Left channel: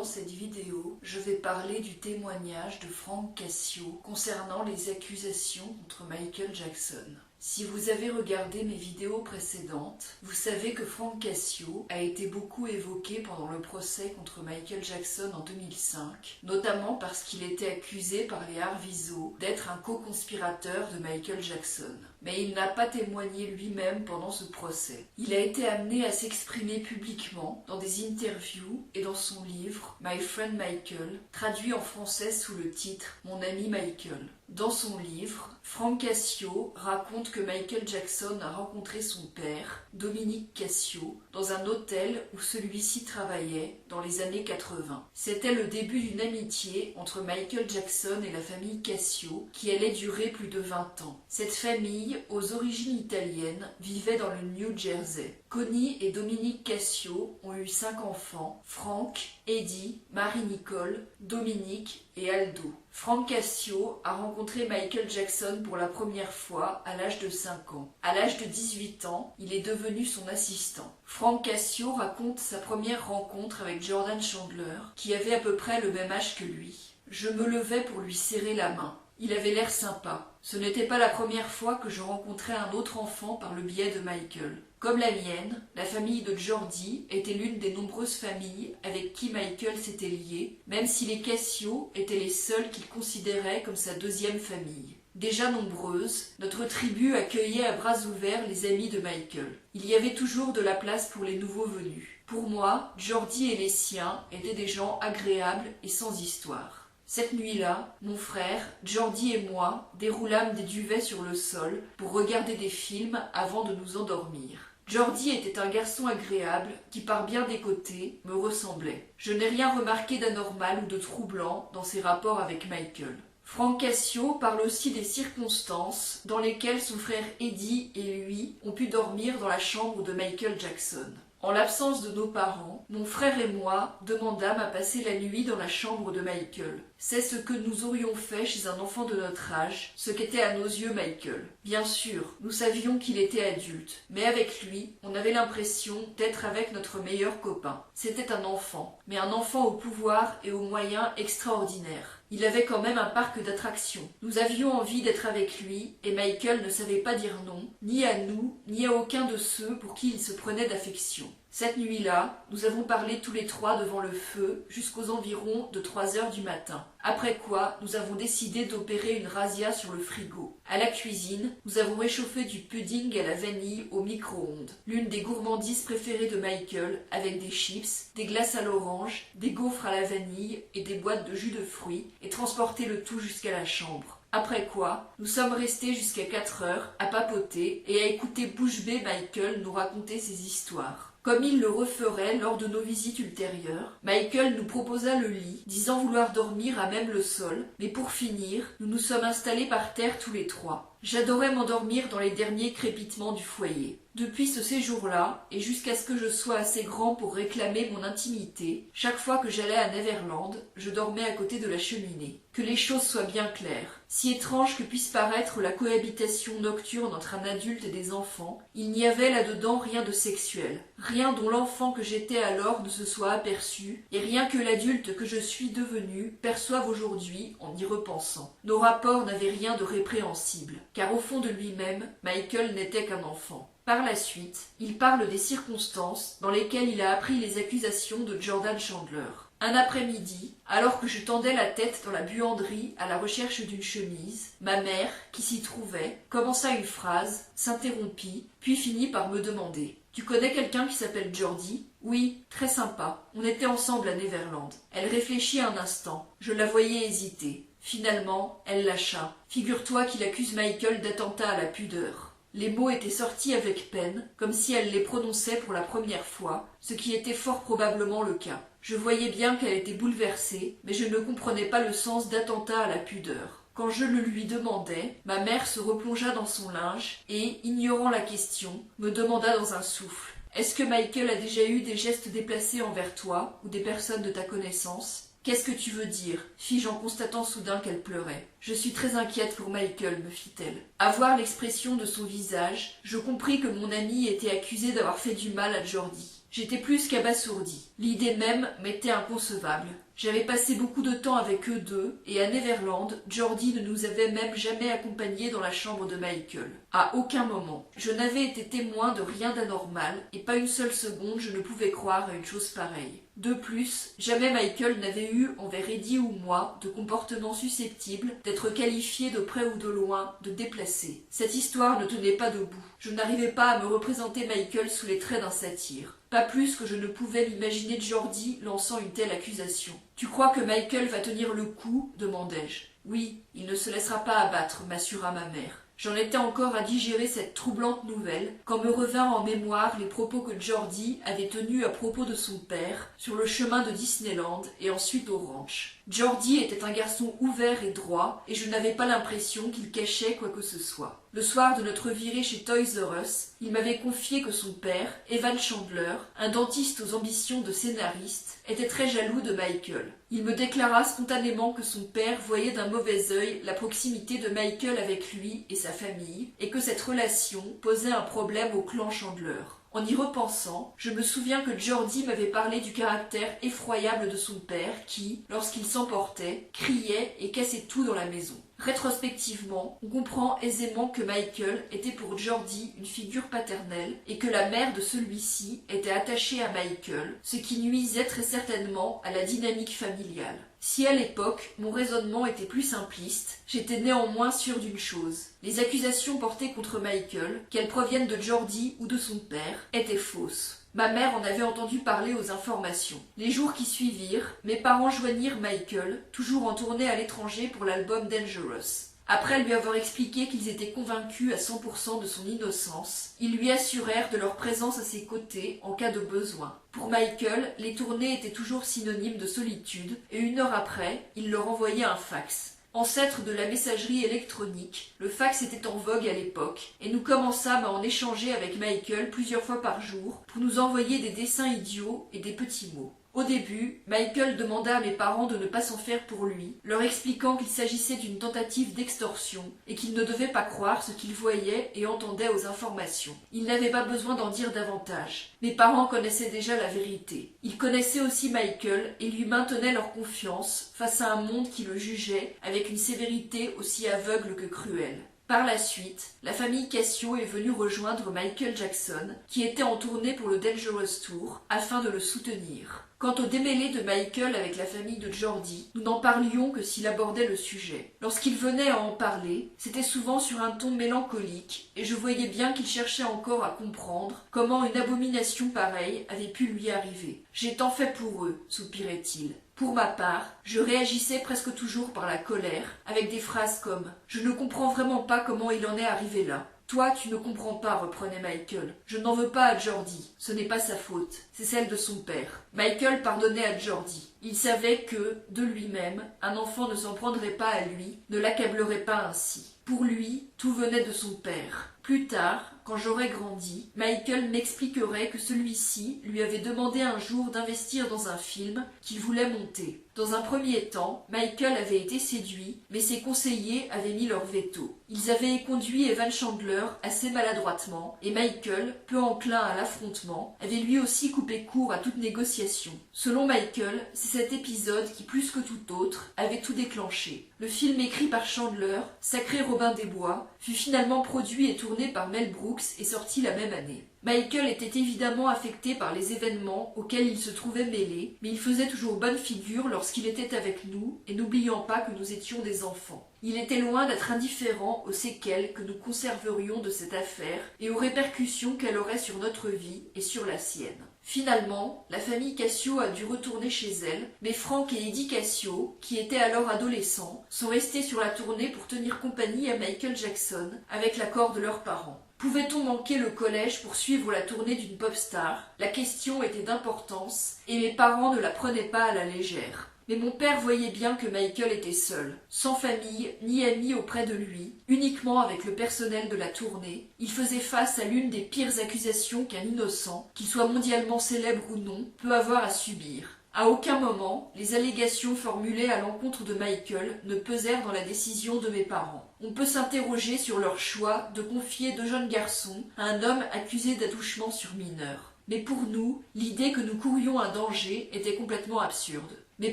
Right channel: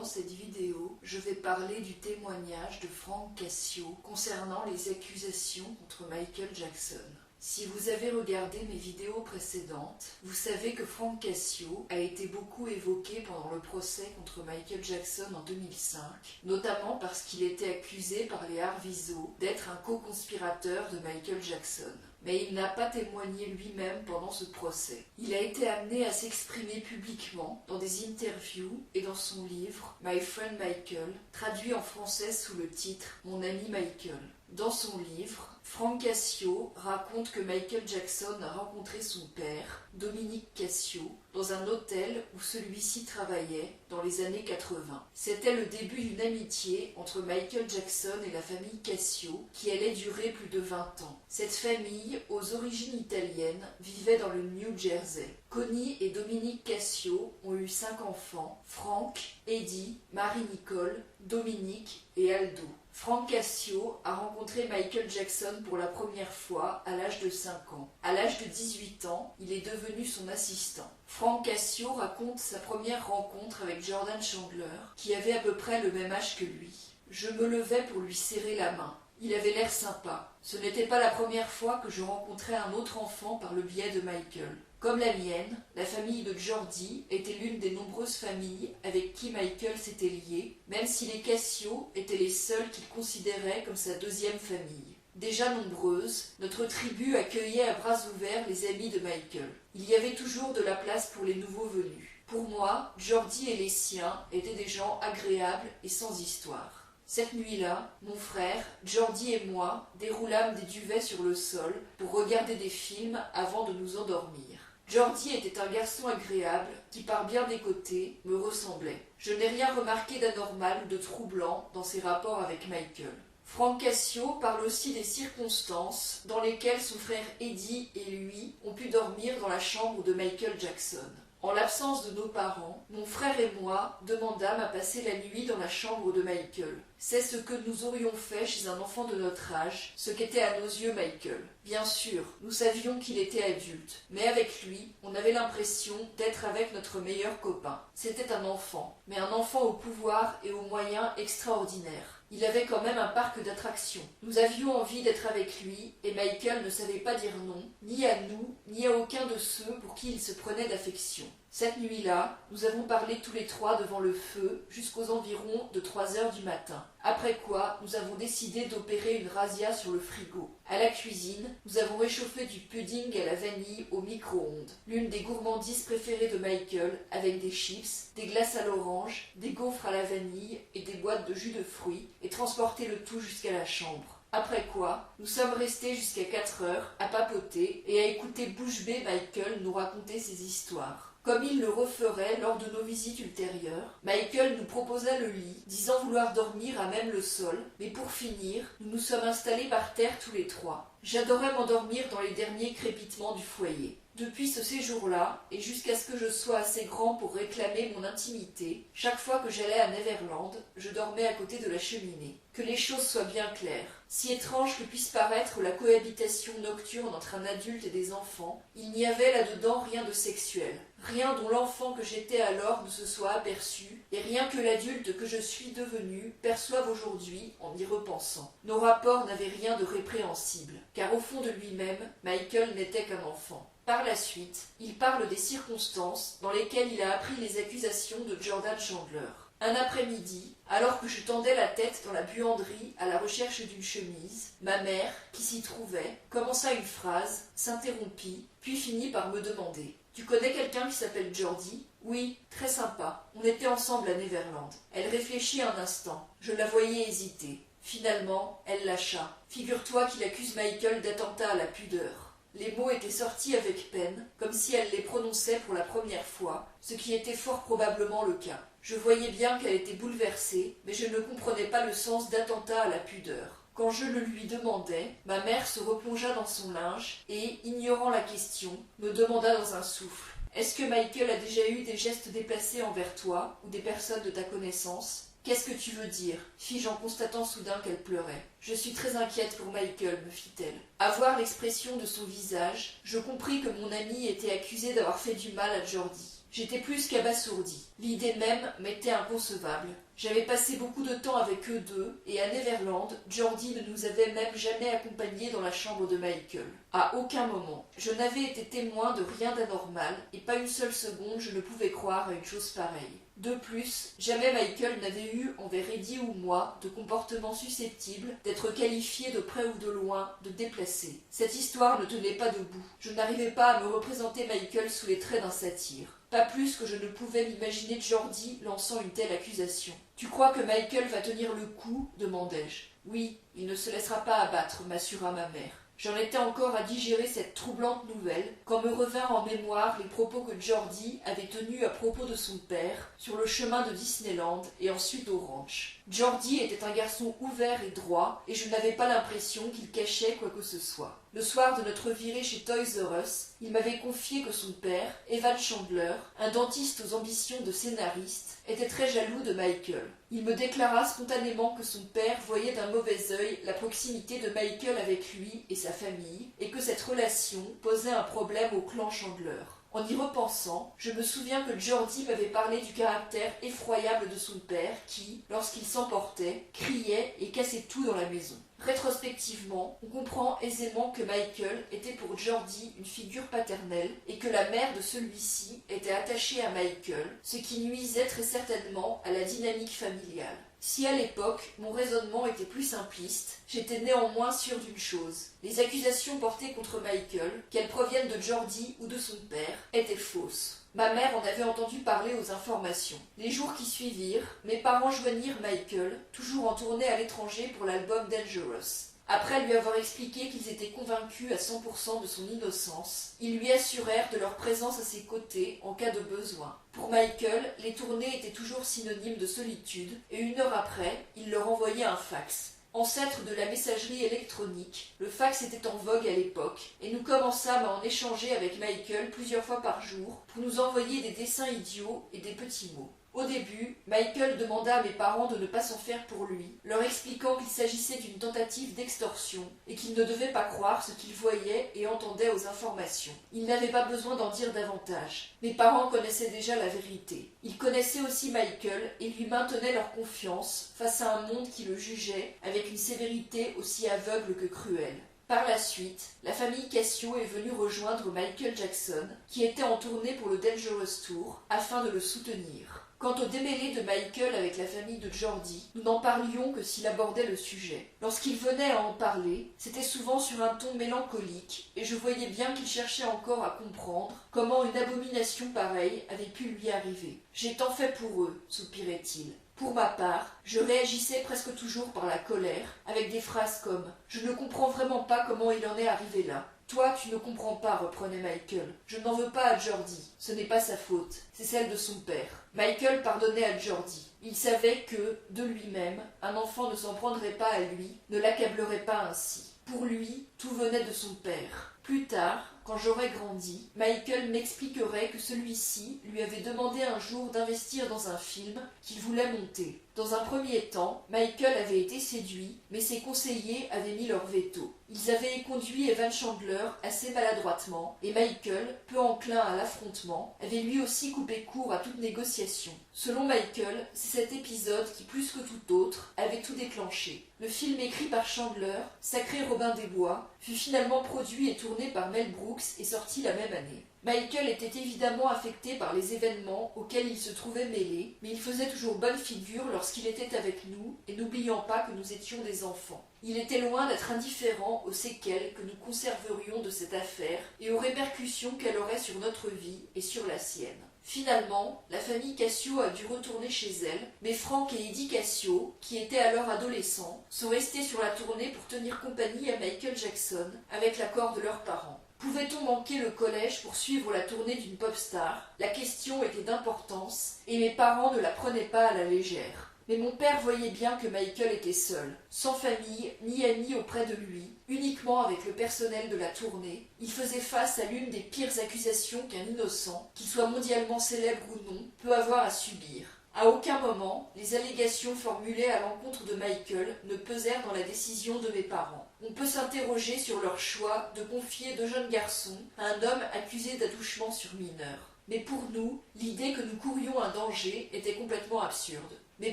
Dans cette vidéo, je vais parler du témoignage de Frank Cassio concernant les accusations contre Michael Jackson. Si vous avez regardé mes vidéos précédentes, vous savez que Frank Cassio a été beaucoup évoqué pendant le procès contre Michael Jackson en 2005, notamment parce qu'il était accusé par les Arvizo d'être un co-conspirateur de Michael Jackson. Mais il n'a pas témoigné lui-même pendant ce procès. Il a été amené à s'exprimer publiquement dans des interviews et dans son livre My Friend Michael, traduit en français sous le titre Mon ami Michael. Dans son livre, Frank Cassio raconte que Michael Jackson a rencontré son père, Dominique Cassio, dans un hôtel où celui-ci travaillait dans les années 80. C'était le début d'une amitié entre Michael Jackson et la famille Cassio qui allait durer plus de 20 ans. Cette famille, aux origines italiennes, vivait dans le New Jersey. Connie et Dominique Cassio ont eu 5 enfants, Frank, Eddie, Marie-Nicole, Dominique et Aldo. Frank Cassio a rencontré Michael Jackson pour la première fois à l'âge de 5 ans. À l'âge de 18 ans, il est devenu son assistant. Frank Cassio raconte sa première rencontre avec Jordan Chandler, qui avait à peu près le même âge que lui. Je me levais pour lui serrer la main. Il avait l'air sympa. Ce n'était pas la première fois que je rencontrais un autre enfant par le biais de Michael. Comme la mienne, la famille de Jordi était l'une des nombreuses familles avec qui Michael s'était lié, même si les Cassio étaient les seuls qu'il considérait comme sa deuxième famille. Déjà nombreuse, notre tribu accueillait à bras ouverts les amis de Michael. Il y avait toujours de la place pour les nouveaux venus. Pour moi, Jordi et les siens étaient des gens agréables et sans histoire. Cette nuit-là, mon frère, Jordi et moi déroulâmes des duvets sur le sol pour regarder des films avant de nous endormir. Jordi était un garçon agréable qui, par bien des côtés, me ressemblait. Je n'ai rien remarqué d'anormal ou de troublant dans ses rapports avec Michael. Frank Cassio parle aussi des circonstances dans lesquelles son frère Eddie et lui ont pu dormir dans la chambre de Michael Jackson. En l'absence de nos parents, mon frère et moi demandâmes à passer la nuit dans la chambre de Michael. C'est ce que nous aurions fait chez un enfant de notre âge, ce qu'était à nos yeux Michael. Bien sûr, nous savions qu'il était adulte, mais avec lui, on avait l'impression d'être avec notre meilleur copain. C'était un enfant, mais un enfant au pouvoir et aux moyens extraordinaires. Il avait quand même un parc d'attractions. Nous avions envie d'être avec lui, et Michael ne savait pas dire non, ni à nous, ni à aucun de ceux pour qui il se prenait d'affection. Cette nuit-là, nous avons parlé tous les trois devant le feu jusqu'aux environs de 3 heures du matin. Après quoi, nous avons décidé d'opérer une razzia sur le frigo. À la cuisine, nous avons réchauffé du pudding à la vanille au micro-ondes, l'une des gourmandises préférées de Michael, avec des chips, des glaces à l'orange, des gaufres à la vanille et des boîtes de jus de fruits, et transporté le tout jusqu'à la chambre. Après quoi, nous sommes restés jusqu'à 4 heures à papoter et à écouter bouche bée Michael nous raconter ses histoires. Comme il le referait lors de nos visites ultérieures, Michael nous proposa le lit, disant vouloir dormir à même le sol, mais pour finir, nous nous sommes installés par terre tous les trois. J'adorais m'endormir dans les derniers crépitements du foyer. Depuis ce séjour-là, et jusqu'à ce que je sois assez grand pour réclamer mon intimité, chaque fois que j'allais à Neverland, je dormais à côté de la cheminée. Que les choses soient bien claires. Si étrange que puisse paraître la cohabitation nocturne entre un adulte et des enfants, il n'y avait là-dedans rien de sexuel. Rien dont l'enfant que j'étais alors ne se soit aperçu, et rien que l'adulte que je suis devenu perçoive aujourd'hui en y repensant. Nos rapports n'avaient rien de répréhensible, car au fond de lui-même, Michael n'était qu'un enfant. Par la suite, il parle des circonstances dans lesquelles il a appris les accusations de Jordan Chandler. Un après-midi, alors que je tendais la tête dans la buanderie à la recherche d'une chemise, ma mère, qui s'y trouvait, commença une phrase, s'interrompit, puis finit par me demander « Tu connais quelqu'un qui s'appelle Jordi ?»« Oui, très sympa. On était ensemble à Neverland. » Elle réfléchit un instant. Je la voyais hésiter. Finalement, elle lâcha. « Figure-toi qu'il accuse Michael d'attentat à la pudeur. » Les mots étaient sortis avec peine, comme si elle les prononçait pour la première fois, ce qui était fort probablement le cas. Je voyais bien qu'elle était bouleversée, mais je ne comprenais pas le sens d'attentat à la pudeur. Quand je le lui demandai, ma mère se replongea dans son linge et, ignorant la question, me demanda dans un souffle « Est-ce que Michael a déjà eu des gestes déplacés envers toi ou des personnes de ta connaissance ?» « Qu'est-ce que tu veux dire ?» fis-je en constatant soudain qu'elle pleurait. « Je suis très inquiète pour Michael, me fit-elle. À voir l'expression de son visage, je compris que mon amie était accusée d'avoir fait du mal à Jordi. J'étais plus qu'abasourdi. L'idée même m'était inconcevable. J'avais passé beaucoup de temps avec eux deux, et à Neverland, Geordie ne nous avait même jamais accompagnés dans la chambre de Michael. À aucun moment. Je n'avais été témoin de rien d'anormal, et pas une seule seconde je ne pouvais croire à une chose pareille. De plus, jamais Michael n'avait eu envers Eddie ou moi de comportement susceptible d'être qualifié de près ou de loin de déplacé. Cette histoire ne tenait pas debout. Je n'arrivais pas à me représenter Michael sous les traits d'un satyre. Pas plus que je ne pouvais m'imaginer Geordie lançant une telle accusation. « Tu crois que Michael va tenir le coup ?» demandai-je. « Oui, il ne se laissera pas abattre » m'assura ma mère. J'en étais encore à digérer cette troublante nouvelle quand me revinrent en mémoire les propos que Geordie avait tenus à propos de son père sur le chemin de Disneyland et ensuite au ranch. Geordie était un garçon ouvert et droit et je n'avais pas l'impression qu'il cachait quoi que ce soit. Le soir de notre virée chez Toys R Us, il m'avait confié que son père, Evan Chandler, un dentiste aux ambitions de scénariste, était très jaloux de Michael. Il me déclara spontanément que son père voyait d'un mauvais œil la proximité de Michael avec lui et sa famille, et que cette relation posait un problème au clan Chandler. En y repensant, je me souviens que Geordie m'avait parlé du caractère effroyable de son père qui, lorsqu'il s'emportait, criait et cassait tout dans la maison. Rétrospectivement, on comprend aisément que Michael était pour Geordie une figure paternelle et que la mère de celui-ci était attachée à Michael, ce qui nuisait très certainement à la dynamique familiale. Si à l'époque, mon raisonnement était plus simpliste, j'étais néanmoins sûr d'une chose. Les accusations portées contre Michael, qu'elles proviennent de Geordie ou de son père, étaient fausses. Ma mère en avait entendu parler aux informations. Les jours qui suivirent, mes parents joignirent Michael, toujours en tournée à l'étranger pour l'album Dangerous. Après lui avoir expliqué qu'ils étaient convaincus à 100% de son innocence, ils lui assurèrent de leur présence à ses côtés en cas de besoin. Pour Michael, les tournées étaient toujours synonymes de solitude, et une heure après, il leur envoyait un fax. Ancêtre de la messagerie électronique, le fax était en vogue à l'époque, et nous commençâmes à en échanger avec Michael plusieurs fois par jour pour nous envoyer des dessins idiots et des petits mots. Au début, Michael demanda à mes parents de ne pas s'en faire pour lui, leur expliquant qu'il s'agissait d'une tentative d'extorsion et qu'ils ne devaient pas croire ce qu'ils voyaient et entendaient aux informations. Ils n'avaient pas besoin d'en dire davantage. Mes parents connaissaient déjà la vérité. Ils connaissaient aussi Michael et lui maintenaient leur confiance face à un monde qui le jugeait avec une sévérité aussi aveugle que cruelle. Par la suite, la famille Cassio est venue rejoindre Michael Jackson, qui était en tournée pour le Dangerous Tour, afin de le soutenir. Quant au démêlé de Michael avec la famille de Geordie, nous n'en parlions que s'il abordait le sujet. Lorsqu'il venait à en parler, c'était souvent sur un ton mélancolique, et je voyais bien qu'il cherchait encore à comprendre comment une abomination pareille avait pu lui arriver. « J'ai tant fait pour eux », soupirait-il. Pour ma part, je réagissais presque toujours par la colère, avec des phrases comme « Je ne comprends vraiment pas comment il en est arrivé là ». Toi, tu ne comprends pas, reprenait Michael. Je n'en veux pas à Geordie. Ce n'est pas sa faute. C'est celle de son père. Michael pardonnait à Geordie. Il savait que, de lui-même, un enfant ne s'en prendrait pas à lui, ne l'accablerait pas ainsi. Pour lui, tout venait de son père. Plus tard, quand j'aurais grandi, Michael m'expliquerait que celui-ci lui avait demandé un jour d'investir dans un film qu'il voulait monter. Dans un premier temps, Michael avait été séduit, mais ses conseillers avaient mis leur veto. Ils avaient conduit Evan Chandler assez maladroitement, et Michael, peu enclin à l'affrontement, avait lui aussi coupé court à toute négociation. Selon Michael, c'est cet épisode qui, plus que tout autre, avait tout déclenché. Le film écrit par Chandler, Sacré Robin des Bois, fut finalement produit et tourné par Mel Brooks et sorti la même année. Michael était évidemment affecté par les événements auxquels il se trouvait mêlé, mais il faisait toujours bonne figure lorsqu'il était avec nous, et n'oubliant pas que nous étions des enfants. Il était loin d'être indifférent aux séquelles que nous conserverions de cette affaire et aux répercussions qu'elle aurait sur notre vie et sur la sienne. Finalement, la famille Cassio a dû retourner chez elle, mais Frank et Eddie Cassio, qui étaient alors adolescents, sont restés sur la tournée pour tenir compagnie à Michael Jackson, avec l'accord de leurs parents. Pouvait-on manquer le collège pour suivre la tournée d'une pop star? La question était d'importance, et mes parents ne la prenaient pas à la légère. Mais mon père voyait bien que Michael était seul, sans famille ni amis auprès de lui, uniquement avec le personnel de la tournée. Il faisait face à l'une des pires accusations qu'un innocent, qu'il soit mondialement célèbre ou non, peut avoir à subir. À aucun moment, les allégations formulées à l'encontre de Michael ne pesèrent dans la décision de mes parents. On peut s'interroger sur leur choix de confier deux jeunes garçons à un homme accusé d'attouchement sur mineur. Mais pour nous, l'idée que nous courions un danger était complètement absurde. Mes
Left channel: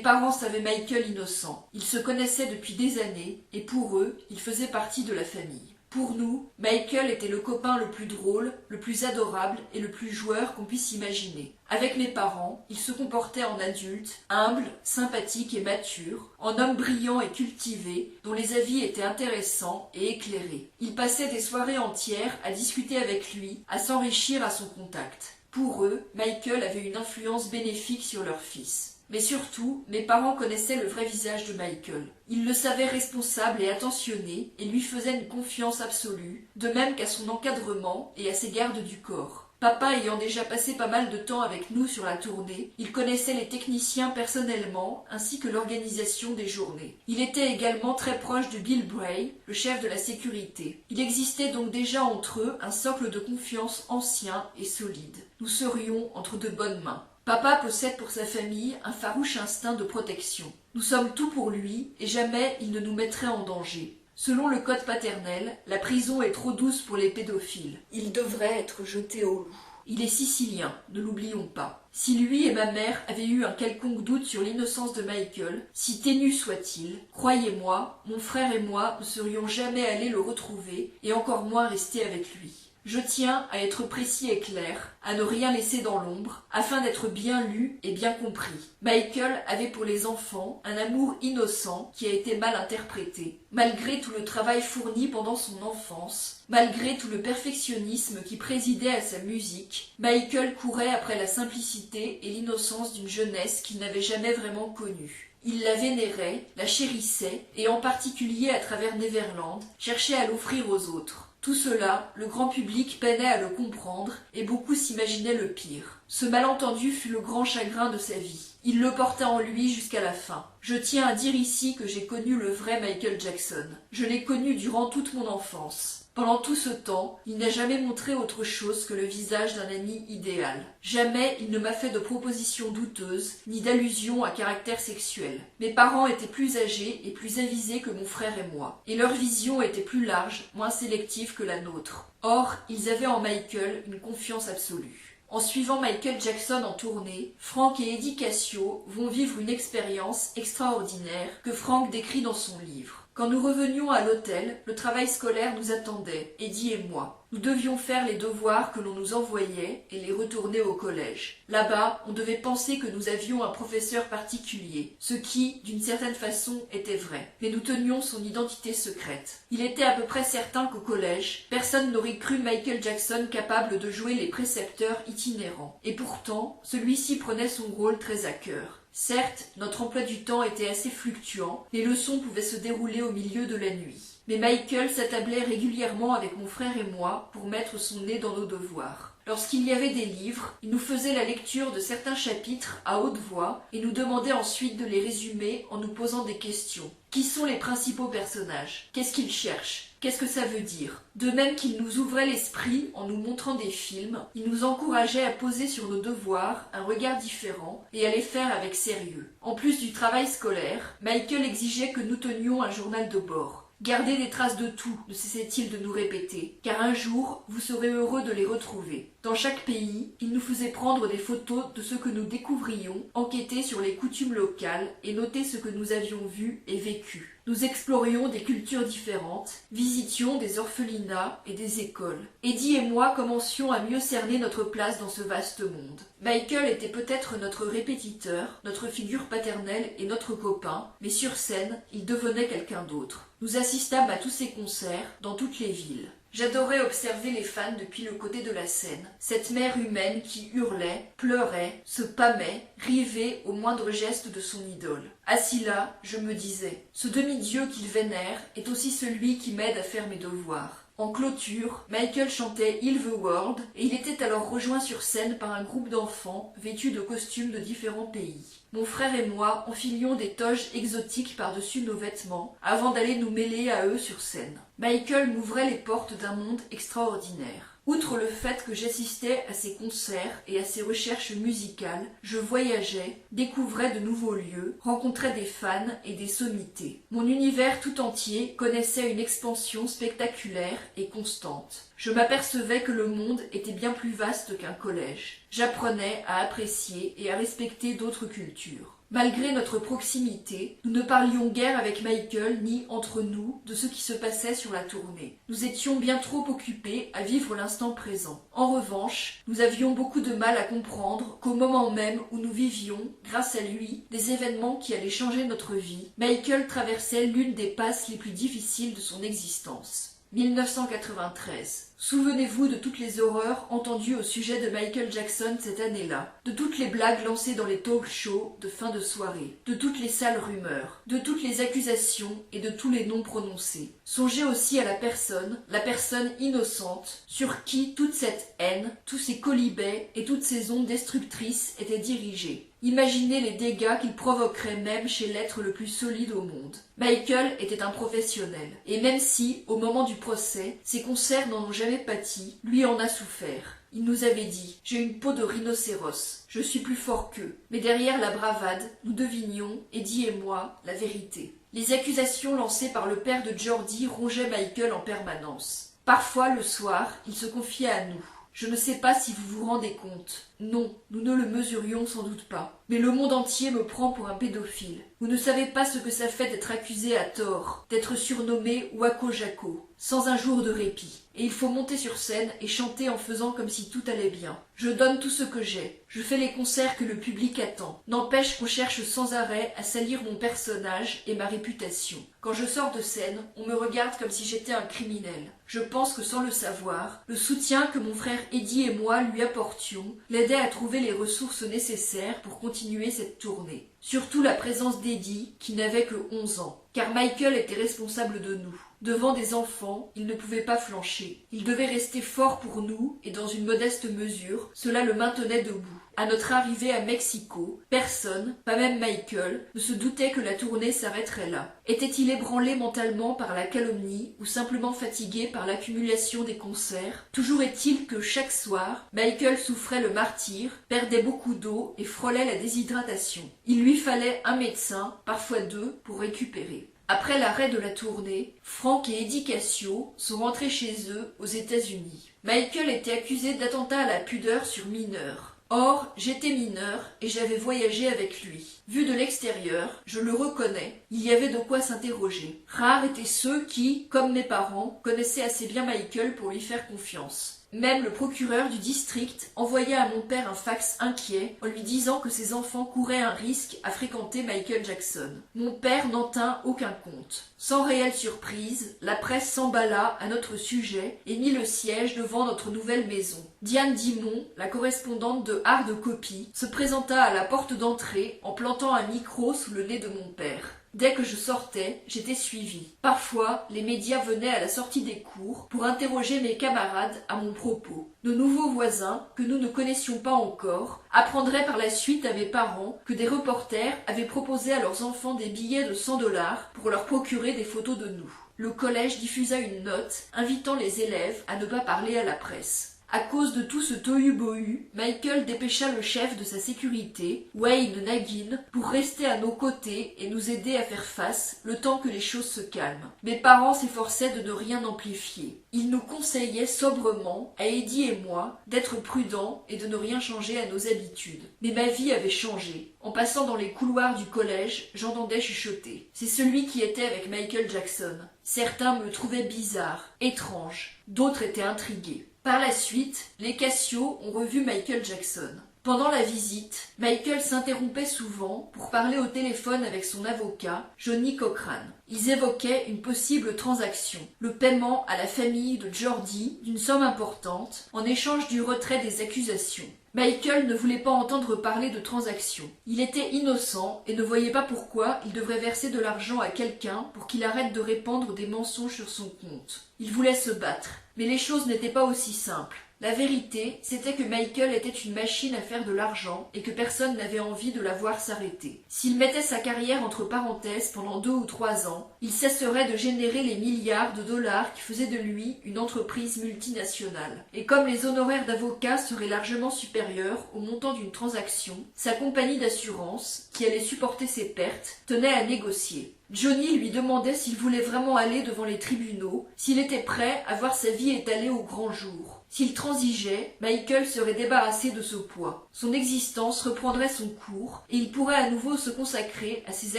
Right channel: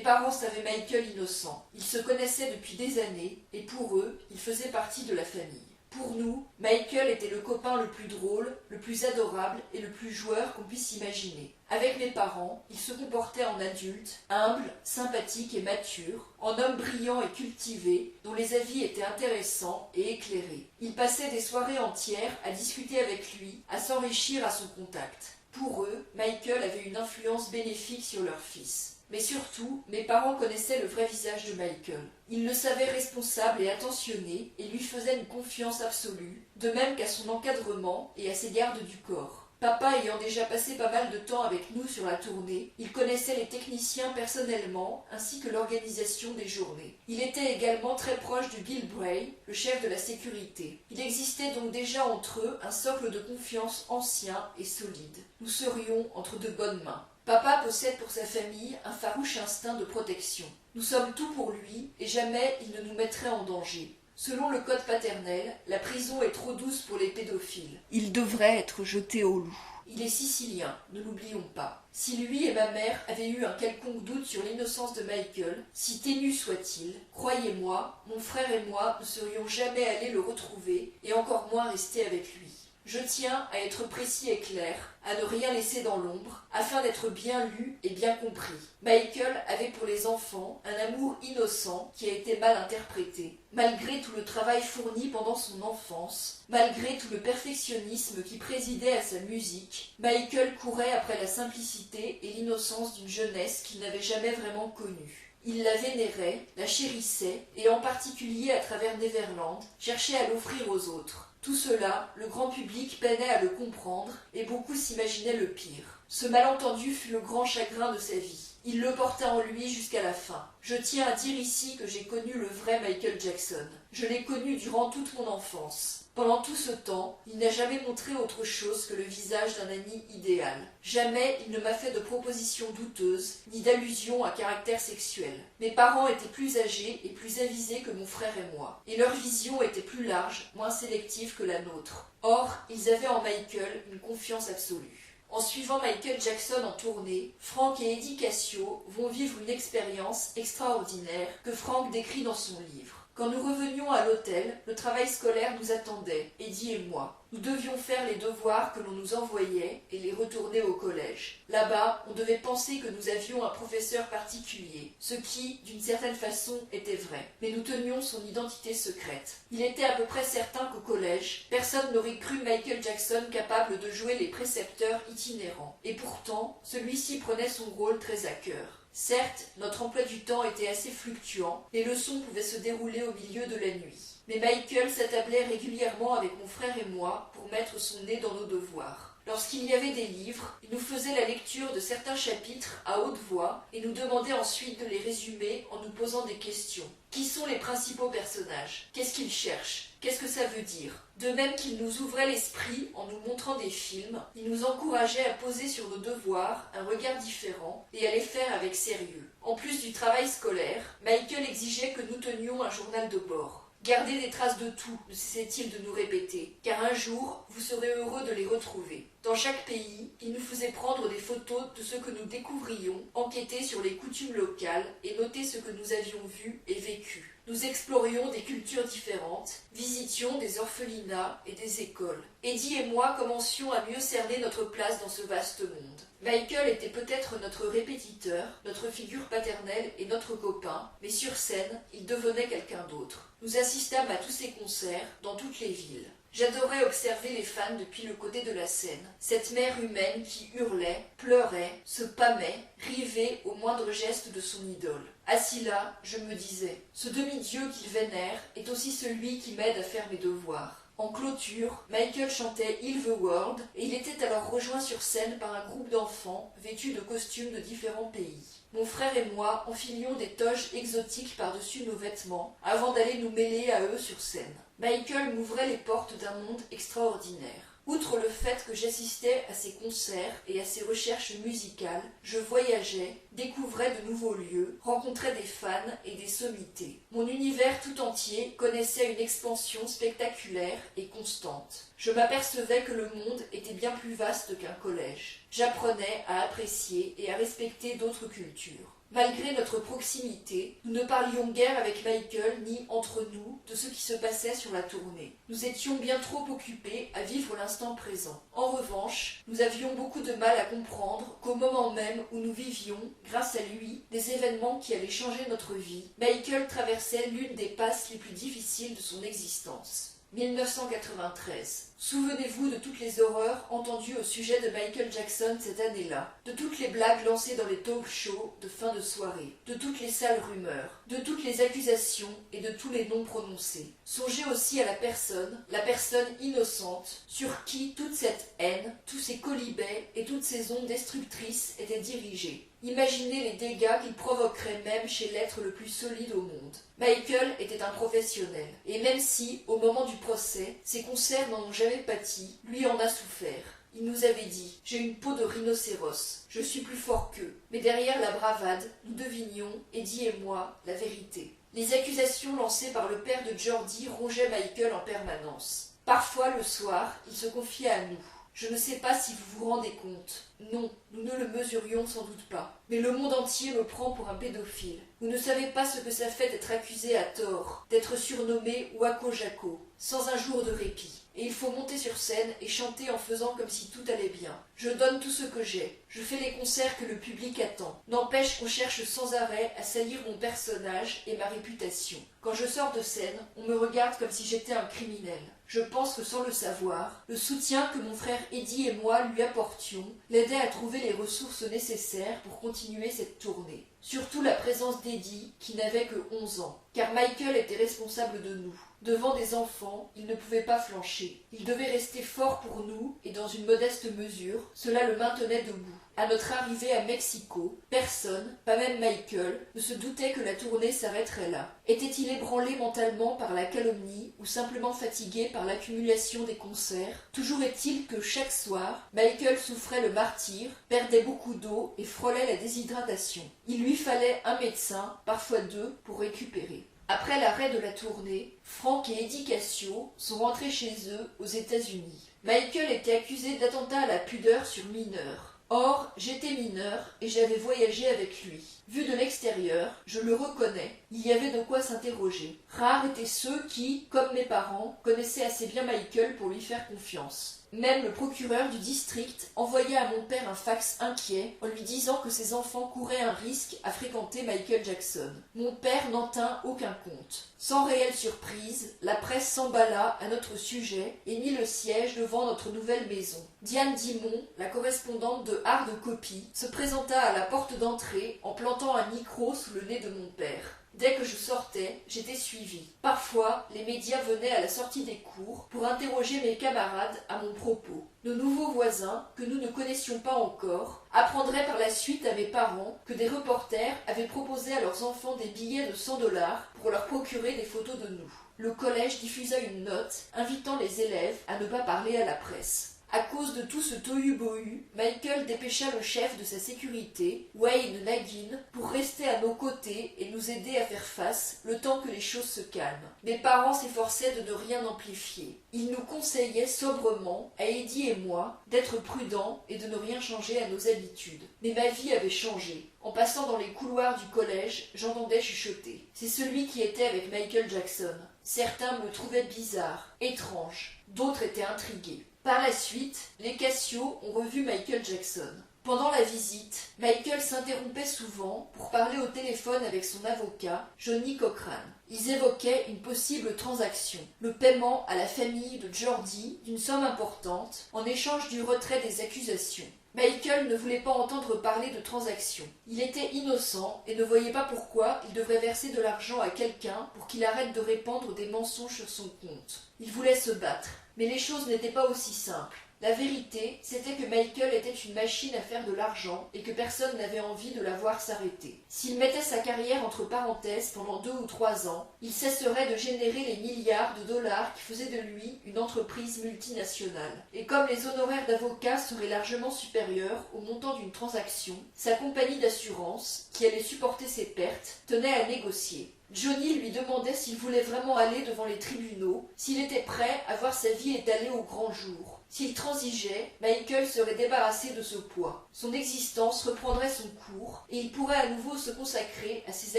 parents savaient Michael innocent. Ils se connaissaient depuis des années et pour eux, il faisait partie de la famille. Pour nous, Michael était le copain le plus drôle, le plus adorable et le plus joueur qu'on puisse imaginer. Avec mes parents, il se comportait en adulte, humble, sympathique et mature, en homme brillant et cultivé, dont les avis étaient intéressants et éclairés. Il passait des soirées entières à discuter avec lui, à s'enrichir à son contact. Pour eux, Michael avait une influence bénéfique sur leur fils. Mais surtout, mes parents connaissaient le vrai visage de Michael. Ils le savaient responsable et attentionné et lui faisaient une confiance absolue, de même qu'à son encadrement et à ses gardes du corps. Papa ayant déjà passé pas mal de temps avec nous sur la tournée, il connaissait les techniciens personnellement ainsi que l'organisation des journées. Il était également très proche de Bill Bray, le chef de la sécurité. Il existait donc déjà entre eux un socle de confiance ancien et solide. Nous serions entre de bonnes mains. Papa possède pour sa famille un farouche instinct de protection. Nous sommes tout pour lui et jamais il ne nous mettrait en danger. Selon le code paternel, la prison est trop douce pour les pédophiles. Il devrait être jeté au loup. Il est sicilien, ne l'oublions pas. Si lui et ma mère avaient eu un quelconque doute sur l'innocence de Michael, si ténu soit-il, croyez-moi, mon frère et moi ne serions jamais allés le retrouver et encore moins rester avec lui. Je tiens à être précis et clair, à ne rien laisser dans l'ombre, afin d'être bien lu et bien compris. Michael avait pour les enfants un amour innocent qui a été mal interprété. Malgré tout le travail fourni pendant son enfance, malgré tout le perfectionnisme qui présidait à sa musique, Michael courait après la simplicité et l'innocence d'une jeunesse qu'il n'avait jamais vraiment connue. Il la vénérait, la chérissait, et en particulier à travers Neverland, cherchait à l'offrir aux autres. Tout cela, le grand public peinait à le comprendre, et beaucoup s'imaginaient le pire. Ce malentendu fut le grand chagrin de sa vie. Il le porta en lui jusqu'à la fin. Je tiens à dire ici que j'ai connu le vrai Michael Jackson. Je l'ai connu durant toute mon enfance. Pendant tout ce temps, il n'a jamais montré autre chose que le visage d'un ami idéal. Jamais il ne m'a fait de propositions douteuses, ni d'allusions à caractère sexuel. Mes parents étaient plus âgés et plus avisés que mon frère et moi, et leur vision était plus large, moins sélective que la nôtre. Or, ils avaient en Michael une confiance absolue. En suivant Michael Jackson en tournée, Frank et Eddie Cassio vont vivre une expérience extraordinaire que Frank décrit dans son livre. Quand nous revenions à l'hôtel, le travail scolaire nous attendait, Eddie et moi. Nous devions faire les devoirs que l'on nous envoyait et les retourner au collège. Là-bas, on devait penser que nous avions un professeur particulier, ce qui, d'une certaine façon, était vrai. Mais nous tenions son identité secrète. Il était à peu près certain qu'au collège, personne n'aurait cru Michael Jackson capable de jouer les précepteurs itinérants. Et pourtant, celui-ci prenait son rôle très à cœur. Certes, notre emploi du temps était assez fluctuant, les leçons pouvaient se dérouler au milieu de la nuit. Mais Michael s'attablait régulièrement avec mon frère et moi pour mettre son nez dans nos devoirs. Lorsqu'il y avait des livres, il nous faisait la lecture de certains chapitres à haute voix et nous demandait ensuite de les résumer en nous posant des questions. Qui sont les principaux personnages? Qu'est-ce qu'ils cherchent? Qu'est-ce que ça veut dire? De même qu'il nous ouvrait l'esprit en nous montrant des films, il nous encourageait à poser sur nos devoirs un regard différent et à les faire avec sérieux. En plus du travail scolaire, Michael exigeait que nous tenions un journal de bord. Gardez des traces de tout, ne cessait-il de nous répéter, car un jour, vous serez heureux de les retrouver. Dans chaque pays, il nous faisait prendre des photos de ce que nous découvrions, enquêter sur les coutumes locales et noter ce que nous avions vu et vécu. Nous explorions des cultures différentes, visitions des orphelinats et des écoles. Eddie et moi commencions à mieux cerner notre place dans ce vaste monde. Michael était peut-être notre répétiteur, notre figure paternelle et notre copain, mais sur scène, il devenait quelqu'un d'autre. Nous assistâmes à tous ses concerts, dans toutes les villes. J'adorais observer les fans depuis le côté de la scène, cette mère humaine qui hurlait, pleurait, se pâmait, rivait au moindre geste de son idole. Assis là, je me disais, ce demi-dieu qu'il vénère est aussi celui qui m'aide à faire mes devoirs. En clôture, Michael chantait Heal the World et il était alors rejoint sur scène par un groupe d'enfants vêtus de costumes de différents pays. Mon frère et moi enfilions des toges exotiques par-dessus nos vêtements avant d'aller nous mêler à eux sur scène. Michael m'ouvrait les portes d'un monde extraordinaire. Outre le fait que j'assistais à ses concerts et à ses recherches musicales, je voyageais, découvrais de nouveaux lieux, rencontrais des fans et des sommités. Mon univers tout entier connaissait une expansion spectaculaire et constante. Je m'apercevais que le monde était bien plus vaste qu'un collège. J'apprenais à apprécier et à respecter d'autres cultures. Malgré notre proximité, nous ne parlions guère avec Michael ni entre nous de ce qui se passait sur la tournée. Nous étions bien trop occupés à vivre l'instant présent. En revanche, nous avions beaucoup de mal à comprendre qu'au moment même où nous vivions, grâce à lui, des événements qui allaient changer notre vie, Michael traversait l'une des passes les plus difficiles de son existence. 1993. Souvenez-vous de toutes les horreurs entendues au sujet de Michael Jackson cette année-là, de toutes les blagues lancées dans les talk shows de fin de soirée, de toutes les sales rumeurs, de toutes les accusations et de tous les noms prononcés. Songez aussi à la personne innocente, sur qui toute cette haine, tous ces colibets et toutes ces ondes destructrices étaient dirigées. Imaginez les dégâts qu'il provoquerait même chez l'être le plus solide au monde. Michael était un professionnel, et même si, au moment du procès, ses concerts n'en ont jamais pâti, lui en a souffert. Il nous avait dit « J'ai une peau de rhinocéros, je suis plus fort qu'eux ». Mais derrière la bravade, nous devinions, Eddie et moi, la vérité. Les accusations lancées par le père de Jordi rongeaient Michael en permanence. Parfois, le soir, il se confiait à nous. Je ne sais pas si vous vous rendez compte. Non, nous ne le mesurions sans doute pas. Mais le monde entier me prend pour un pédophile. Vous ne savez pas ce que ça fait d'être accusé à tort, d'être surnommé Wako Jacko, sans un jour de répit. Et il faut monter sur scène et chanter en faisant comme si tout allait bien. Je donne tout ce que j'ai. Je fais les concerts que le public attend. N'empêche qu'on cherche sans arrêt à salir mon personnage et ma réputation. Quand je sors de scène, on me regarde comme si j'étais un criminel. Je pense que sans le savoir, le soutien que mon frère Eddie et moi lui apportions l'aidait à trouver les ressources nécessaires pour continuer cette tournée. Surtout la présence d'Eddie, qui n'avait que 11 ans. Car Michael était responsable de nous. Devant des enfants, il ne pouvait pas flancher. Il devait rester fort pour nous, et dans une modeste mesure, cela le maintenait debout. À notre arrivée à Mexico, personne, pas même Michael, ne se doutait que la tournée s'arrêterait là. Était-il ébranlé mentalement par la calomnie ou simplement fatigué par l'accumulation des concerts? Toujours est-il que chaque soir, Michael souffrait le martyre, perdait beaucoup d'eau et frôlait la déshydratation. Il lui fallait un médecin, parfois deux, pour récupérer. Après l'arrêt de la tournée, Frank et Eddie Cassio sont rentrés chez eux aux États-Unis. Michael était accusé d'attentat à la pudeur sur mineur. Or, j'étais mineur et j'avais voyagé avec lui. Vu de l'extérieur, je le reconnais, il y avait de quoi s'interroger. Rares étaient ceux qui, comme mes parents, connaissaient assez bien Michael pour lui faire confiance. Même le procureur du district envoya à mon père un fax inquiet en lui disant que ses enfants couraient un risque à fréquenter Michael Jackson. Mon père n'en tint aucun compte. Sans réelle surprise, la presse s'emballa à notre sujet et mit le siège devant notre nouvelle maison. Diane Dimon, la correspondante de Hard Copy, se présenta à la porte d'entrée en plantant un micro sous le nez de mon père. Dès que je sortais, j'étais suivie. Parfois, les médias venaient à la sortie des cours pour interroger mes camarades à mon propos. Nos nouveaux voisins, que nous ne connaissions pas encore, apprendraient par la suite à mes parents que des reporters avaient proposé à leurs enfants des billets de 100 $ pour leur procurer des photos de nous. Le collège diffusa une note invitant les élèves à ne pas parler à la presse. À cause de tout ce tohu-bohu, Michael dépêcha le chef de sa sécurité, Wayne Nagin, pour rester à nos côtés et nous aider à faire face, le temps que les choses se calment. Mes parents s'efforçaient de ne rien amplifier. Ils nous conseillaient sobrement, à Eddie et moi, d'être prudents et de ne rien changer à nos habitudes. Mais ma vie avait changé. En passant dans les couloirs du collège, j'entendais chuchoter. C'est celui qui était avec Michael Jackson. Certains me trouvaient bizarre, étrange. D'autres étaient intrigués. Par la suite, les Cassio ont revu Michael Jackson. Pendant la visite, Michael s'interrompait souvent pour parler au téléphone avec son avocat, Johnny Cochran. Ils évoquaient une possible transaction, le paiement à la famille de Jordi d'une somme importante en échange du retrait des accusations. Michael ne voulait pas entendre parler de transaction. Il était innocent et ne voyait pas pourquoi il devrait verser de l'argent à quelqu'un pour qu'il arrête de répandre des mensonges sur son compte. Il voulait se battre. Mais les choses n'étaient pas aussi simples. La vérité, c'était que Michael était une machine à faire de l'argent et que personne n'avait envie de la voir s'arrêter. S'il mettait sa carrière entre parenthèses pendant 2 ou 3 ans, il cesserait de générer les milliards de dollars qui faisaient de lui une entreprise multinationale. Et comme les honoraires d'avocat seraient largement supérieurs au montant d'une transaction, sa compagnie d'assurance, qui allait supporter ses pertes, tenait à négocier. Johnny lui demandait s'il voulait vraiment aller devant les tribunaux, s'il était prêt à voir sa vie étalée au grand jour. S'il transigeait, Michael serait débarrassé de ce poids. Son existence reprendrait son cours et il pourrait à nouveau se consacrer à ses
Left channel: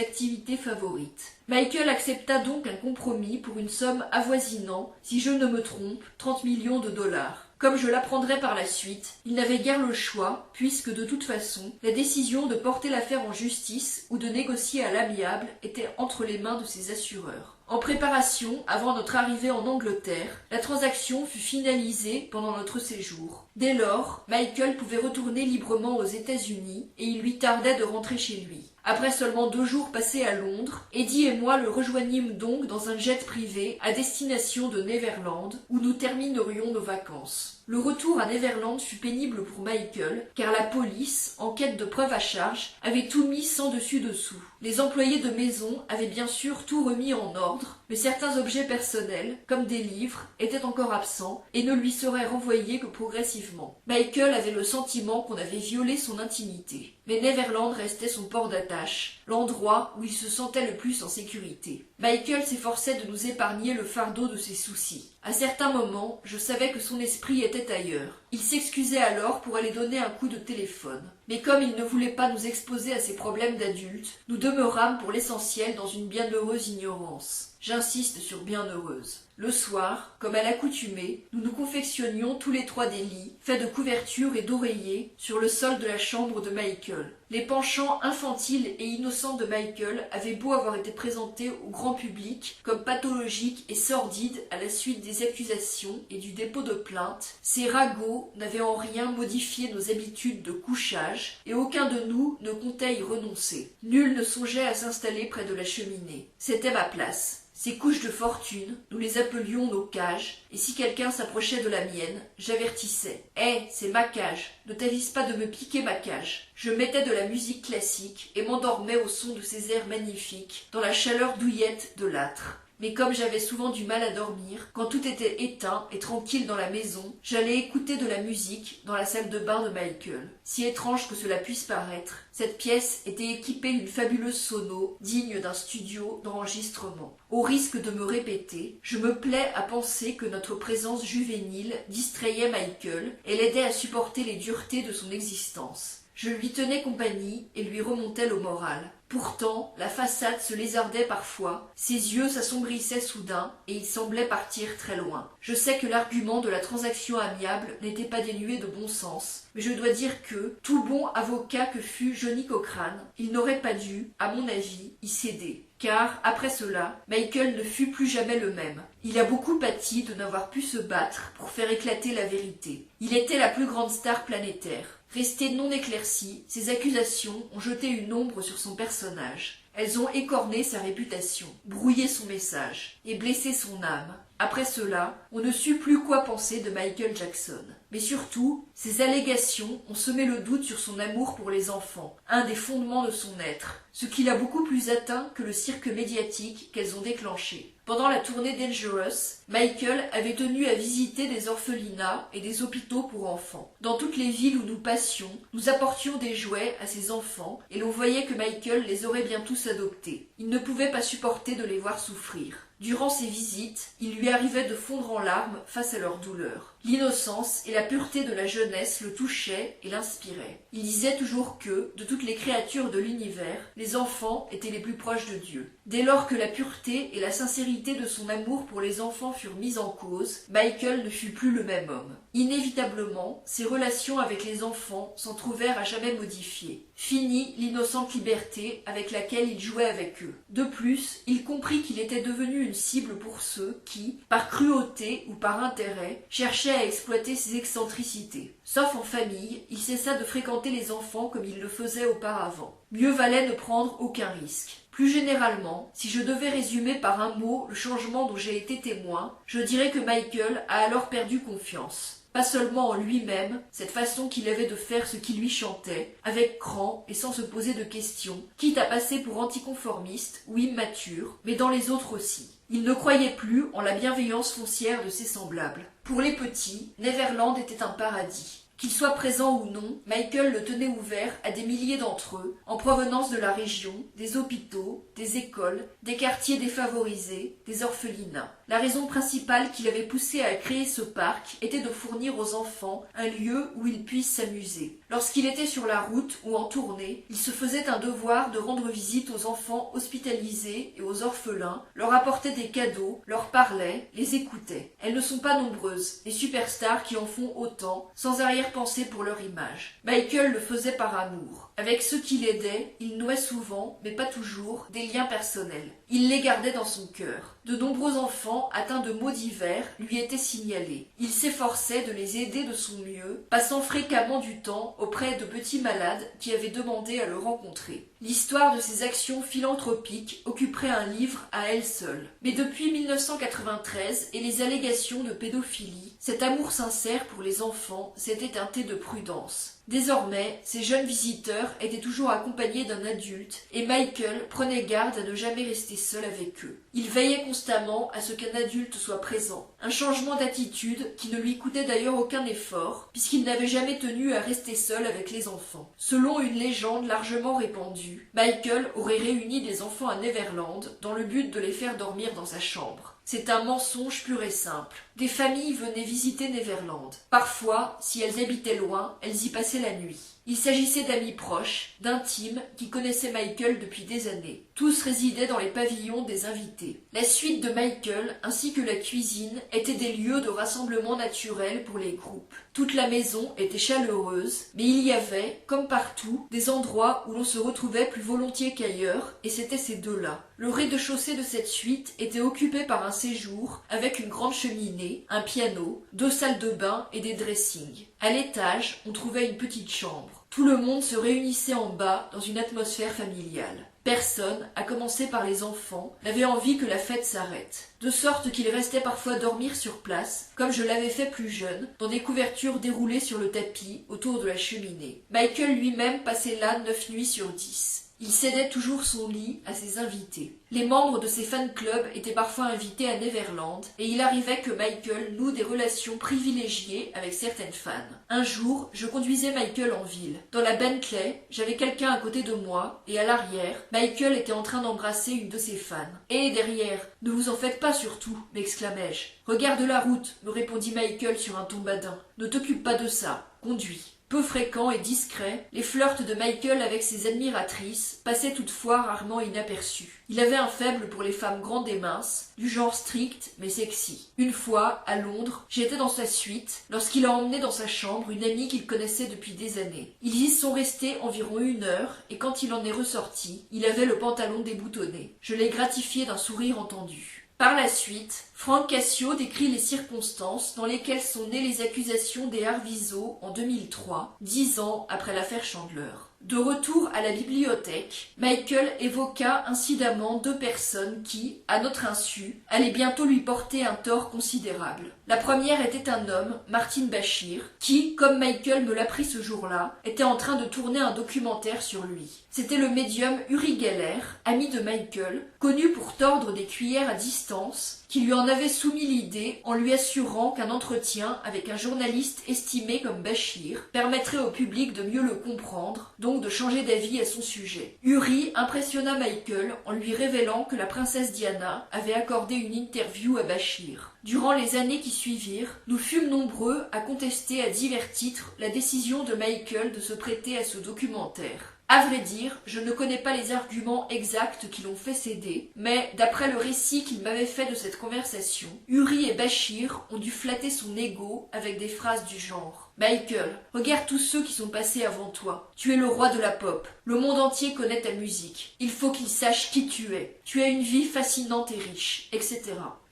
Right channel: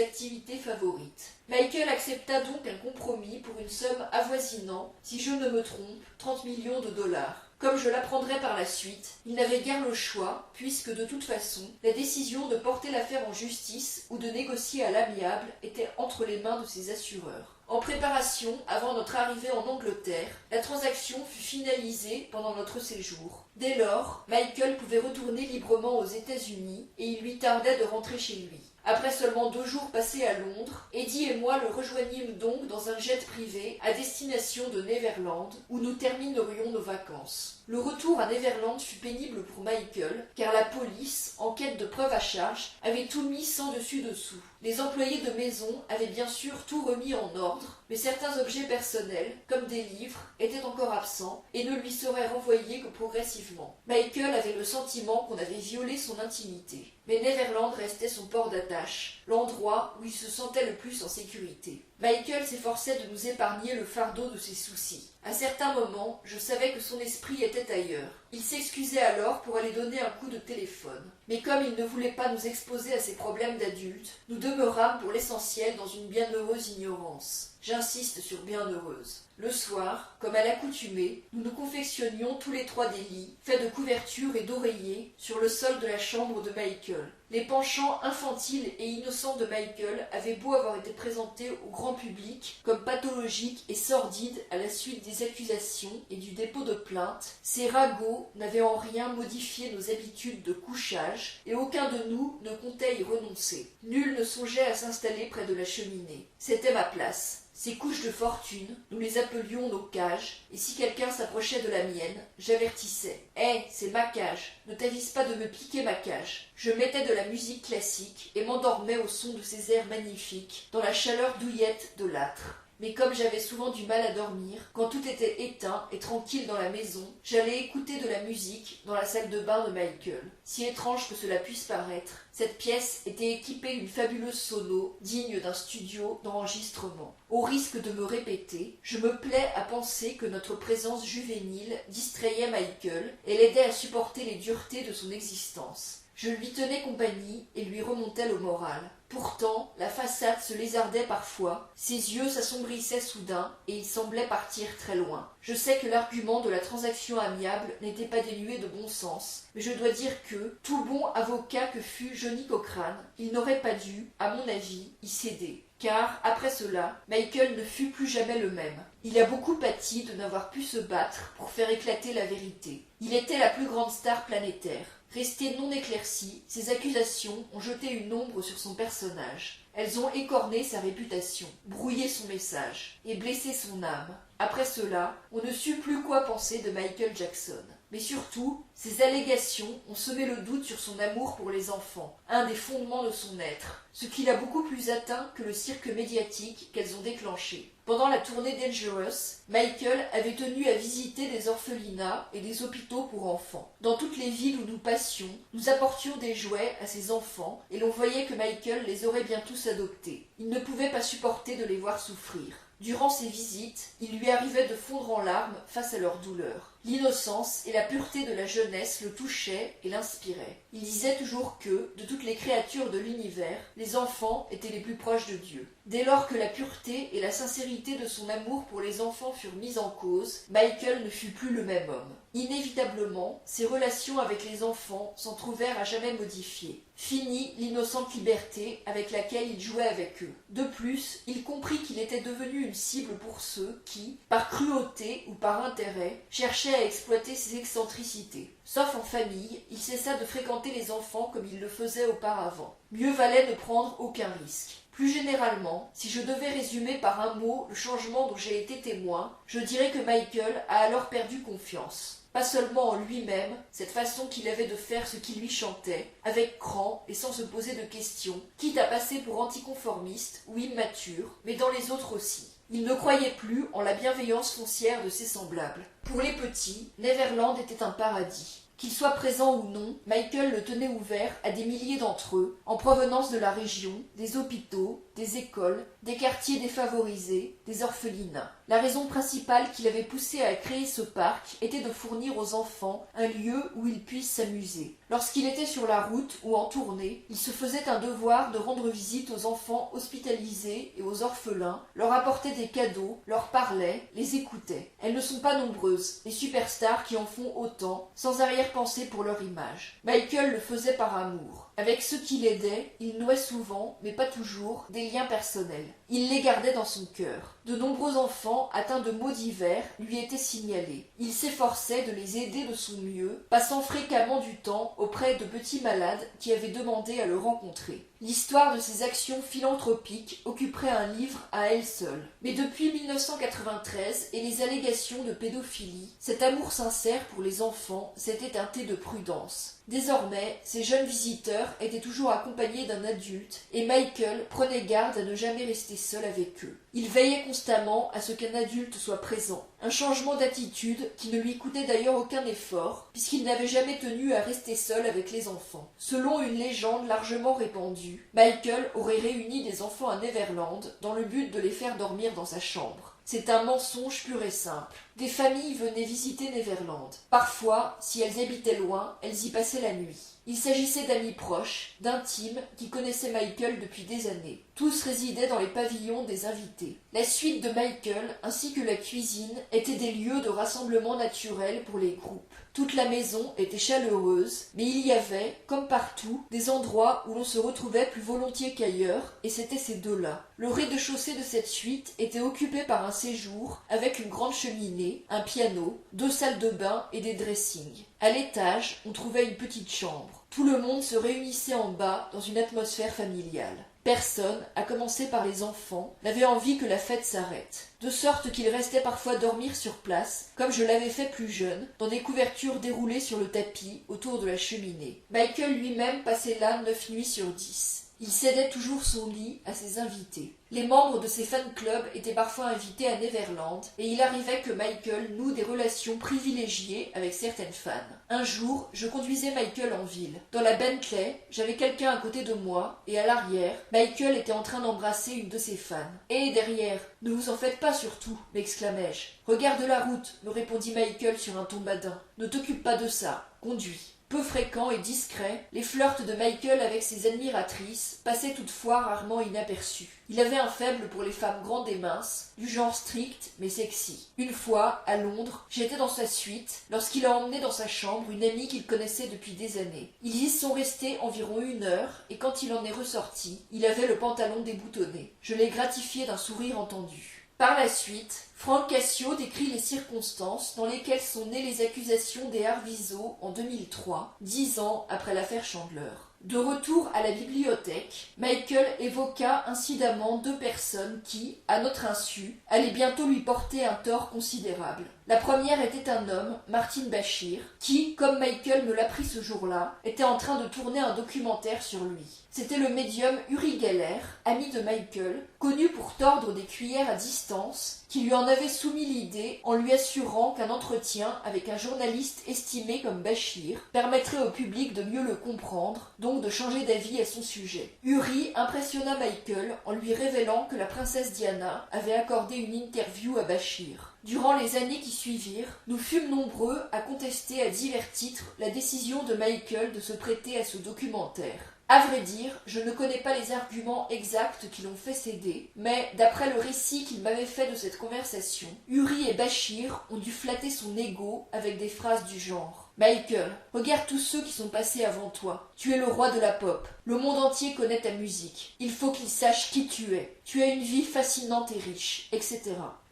activités favorites. Michael accepta donc un compromis pour une somme avoisinant, si je ne me trompe, 30 millions de dollars. Comme je l'apprendrai par la suite, il n'avait guère le choix, puisque de toute façon, la décision de porter l'affaire en justice ou de négocier à l'amiable était entre les mains de ses assureurs. En préparation, avant notre arrivée en Angleterre, la transaction fut finalisée pendant notre séjour. Dès lors, Michael pouvait retourner librement aux États-Unis et il lui tardait de rentrer chez lui. Après seulement 2 jours passés à Londres, Eddie et moi le rejoignîmes donc dans un jet privé à destination de Neverland, où nous terminerions nos vacances. Le retour à Neverland fut pénible pour Michael, car la police, en quête de preuves à charge, avait tout mis sans dessus-dessous. Les employés de maison avaient bien sûr tout remis en ordre, mais certains objets personnels, comme des livres, étaient encore absents et ne lui seraient renvoyés que progressivement. Michael avait le sentiment qu'on avait violé son intimité. Mais Neverland restait son port d'attache, l'endroit où il se sentait le plus en sécurité. Michael s'efforçait de nous épargner le fardeau de ses soucis. À certains moments, je savais que son esprit était ailleurs. Il s'excusait alors pour aller donner un coup de téléphone. Mais comme il ne voulait pas nous exposer à ses problèmes d'adulte, nous demeurâmes pour l'essentiel dans une bienheureuse ignorance. J'insiste sur bienheureuse. Le soir, comme à l'accoutumée, nous nous confectionnions tous les 3 des lits, faits de couvertures et d'oreillers, sur le sol de la chambre de Michael. Les penchants infantiles et innocents de Michael avaient beau avoir été présentés au grand public comme pathologiques et sordides à la suite des accusations et du dépôt de plainte, ces ragots n'avaient en rien modifié nos habitudes de couchage et aucun de nous ne comptait y renoncer. Nul ne songeait à s'installer près de la cheminée. C'était ma place. Ces couches de fortune, nous les appelions nos cages, et si quelqu'un s'approchait de la mienne, j'avertissais. « Hé, c'est ma cage, ne t'avise pas de me piquer ma cage. » Je mettais de la musique classique et m'endormais au son de ces airs magnifiques, dans la chaleur douillette de l'âtre. Mais comme j'avais souvent du mal à dormir, quand tout était éteint et tranquille dans la maison, j'allais écouter de la musique dans la salle de bain de Michael. Si étrange que cela puisse paraître, cette pièce était équipée d'une fabuleuse sono digne d'un studio d'enregistrement. Au risque de me répéter, je me plais à penser que notre présence juvénile distrayait Michael et l'aidait à supporter les duretés de son existence. Je lui tenais compagnie et lui remontais le moral. Pourtant, la façade se lézardait parfois, ses yeux s'assombrissaient soudain et il semblait partir très loin. Je sais que l'argument de la transaction amiable n'était pas dénué de bon sens, mais je dois dire que, tout bon avocat que fût Johnny Cochrane, il n'aurait pas dû, à mon avis, y céder. Car, après cela, Michael ne fut plus jamais le même. Il a beaucoup pâti de n'avoir pu se battre pour faire éclater la vérité. Il était la plus grande star planétaire. Restées non éclaircies, ces accusations ont jeté une ombre sur son personnage. Elles ont écorné sa réputation, brouillé son message et blessé son âme. Après cela, on ne sut plus quoi penser de Michael Jackson. Mais surtout, ces allégations ont semé le doute sur son amour pour les enfants, un des fondements de son être, ce qui l'a beaucoup plus atteint que le cirque médiatique qu'elles ont déclenché. Pendant la tournée Dangerous, Michael avait tenu à visiter des orphelinats et des hôpitaux pour enfants. Dans toutes les villes où nous passions, nous apportions des jouets à ces enfants et l'on voyait que Michael les aurait bien tous adoptés. Il ne pouvait pas supporter de les voir souffrir. Durant ces visites, il lui arrivait de fondre en larmes face à leur douleur. L'innocence et la pureté de la jeunesse le touchaient et l'inspiraient. Il disait toujours que, de toutes les créatures de l'univers, les enfants étaient les plus proches de Dieu. Dès lors que la pureté et la sincérité de son amour pour les enfants furent mises en cause, Michael ne fut plus le même homme. Inévitablement, ses relations avec les enfants s'en trouvèrent à jamais modifiées. Fini l'innocente liberté avec laquelle il jouait avec eux. De plus, il comprit qu'il était devenu une cible pour ceux qui, par cruauté ou par intérêt, cherchaient à exploiter ses excentricités. Sauf en famille, il cessa de fréquenter les enfants comme il le faisait auparavant. Mieux valait ne prendre aucun risque. Plus généralement, si je devais résumer par un mot le changement dont j'ai été témoin, je dirais que Michael a alors perdu confiance. Pas seulement en lui-même, cette façon qu'il avait de faire ce qui lui chantait, avec cran et sans se poser de questions, quitte à passer pour anticonformiste ou immature, mais dans les autres aussi. Il ne croyait plus en la bienveillance foncière de ses semblables. Pour les petits, Neverland était un paradis. Qu'il soit présent ou non, Michael le tenait ouvert à des milliers d'entre eux, en provenance de la région, des hôpitaux, des écoles, des quartiers défavorisés, des orphelinats. La raison principale qui l'avait poussé à créer ce parc était de fournir aux enfants un lieu où ils puissent s'amuser. Lorsqu'il était sur la route ou en tournée, il se faisait un devoir de rendre visite aux enfants hospitalisés et aux orphelins, leur apportait des cadeaux, leur parlait, les écoutait. Elles ne sont pas nombreuses, les superstars qui en font autant, sans arrière-pensée pour leur image. Michael le faisait par amour. Avec ceux qui l'aidaient, il nouait souvent, mais pas toujours, des liens personnels. Il les gardait dans son cœur. De nombreux enfants, atteints de maux divers, lui étaient signalés. Il s'efforçait de les aider de son mieux, passant fréquemment du temps auprès de petits malades qui avaient demandé à le rencontrer. L'histoire de ses actions philanthropiques occuperait un livre à elle seule. Mais depuis 1993 et les allégations de pédophilie, cet amour sincère pour les enfants s'était teinté de prudence. Désormais, ces jeunes visiteurs étaient toujours accompagnés d'un adulte et Michael prenait garde à ne jamais rester seul avec eux. Il veillait constamment à ce qu'un adulte soit présent. Un changement d'attitude qui ne lui coûtait d'ailleurs aucun effort, puisqu'il n'avait jamais tenu à rester seul avec les enfants. Selon une légende largement répandue, Michael aurait réuni des enfants à Neverland dans le but de les faire dormir dans sa chambre. C'est un mensonge pur et simple. Des familles venaient visiter Neverland. Parfois, si elles habitaient loin, elles y passaient la nuit. Il s'agissait d'amis proches, d'intimes, qui connaissaient Michael depuis des années. Tous résidaient dans les pavillons des invités. La suite de Michael, ainsi que la cuisine, étaient des lieux de rassemblement naturel pour les groupes. Toute la maison était chaleureuse, mais il y avait, comme partout, des endroits où l'on se retrouvait plus volontiers qu'ailleurs, et c'était ces deux-là. Le rez-de-chaussée de cette suite était occupé par un séjour, avec une grande cheminée, un piano, 2 salles de bain et des dressings. À l'étage, on trouvait une petite chambre. Tout le monde se réunissait en bas dans une atmosphère familiale. Personne, à commencer par les enfants, n'avait envie que la fête s'arrête, de sorte qu'ils restaient parfois dormir sur place, comme je l'avais fait plus jeune, dans des couvertures déroulées sur le tapis autour de la cheminée. Michael lui-même passait là 9 nuits sur 10. Il cédait toujours son lit à ses invités. Les membres de ses fan-clubs étaient parfois invités à Neverland et il arrivait que Michael noue des relations privilégiées avec certaines fans. Un jour, je conduisais Michael en ville. Dans la Bentley, j'avais quelqu'un à côté de moi et à l'arrière, Michael était en train d'embrasser une de ses fans. « Et derrière, ne vous en faites pas surtout » m'exclamai-je. « Regarde la route » me répondit Michael sur un ton badin. « Ne t'occupe pas de ça, conduis. » Peu fréquents et discrets, les flirts de Michael avec ses admiratrices passaient toutefois rarement inaperçus. Il avait un faible pour les femmes grandes et minces, du genre strict mais sexy. Une fois, à Londres, j'étais dans sa suite lorsqu'il a emmené dans sa chambre une amie qu'il connaissait depuis des années. Ils y sont restés environ 1 heure et quand il en est ressorti, il avait le pantalon déboutonné. Je l'ai gratifié d'un sourire entendu. Par la suite, Frank Cassio décrit les circonstances dans lesquelles sont nées les accusations des Arvizo en 2003, 10 ans après l'affaire Chandler. De retour à la bibliothèque, Michael évoqua incidemment 2 personnes qui, à notre insu, allaient bientôt lui porter un tort considérable. La première était un homme, Martin Bashir, qui, comme Michael me l'apprit ce jour-là, était en train de tourner un documentaire sur lui. C'était le médium Uri Geller, ami de Michael, connu pour tordre des cuillères à distance, qui lui en avait soumis l'idée en lui assurant qu'un entretien avec un journaliste estimé comme Bashir permettrait au public de mieux le comprendre, donc de changer d'avis à son sujet. Uri impressionna Michael en lui révélant que la princesse Diana avait accordé une interview à Bashir. Durant les années qui suivirent, nous fûmes nombreux à contester à divers titres la décision de Michael de se prêter à ce documentaire. À vrai dire, je ne connais pas les arguments exacts qui l'ont fait céder, mais d'après le récit qu'il m'avait fait de cette conversation, Uri et Bashir ont dû flatter son ego avec des phrases du genre « Michael, regarde tous ceux qui sont passés avant toi. Tu es le roi de la pop. Le monde entier connaît ta musique. Il faut qu'il sache qui tu es. Tu as une vie fascinante et riche, etc. »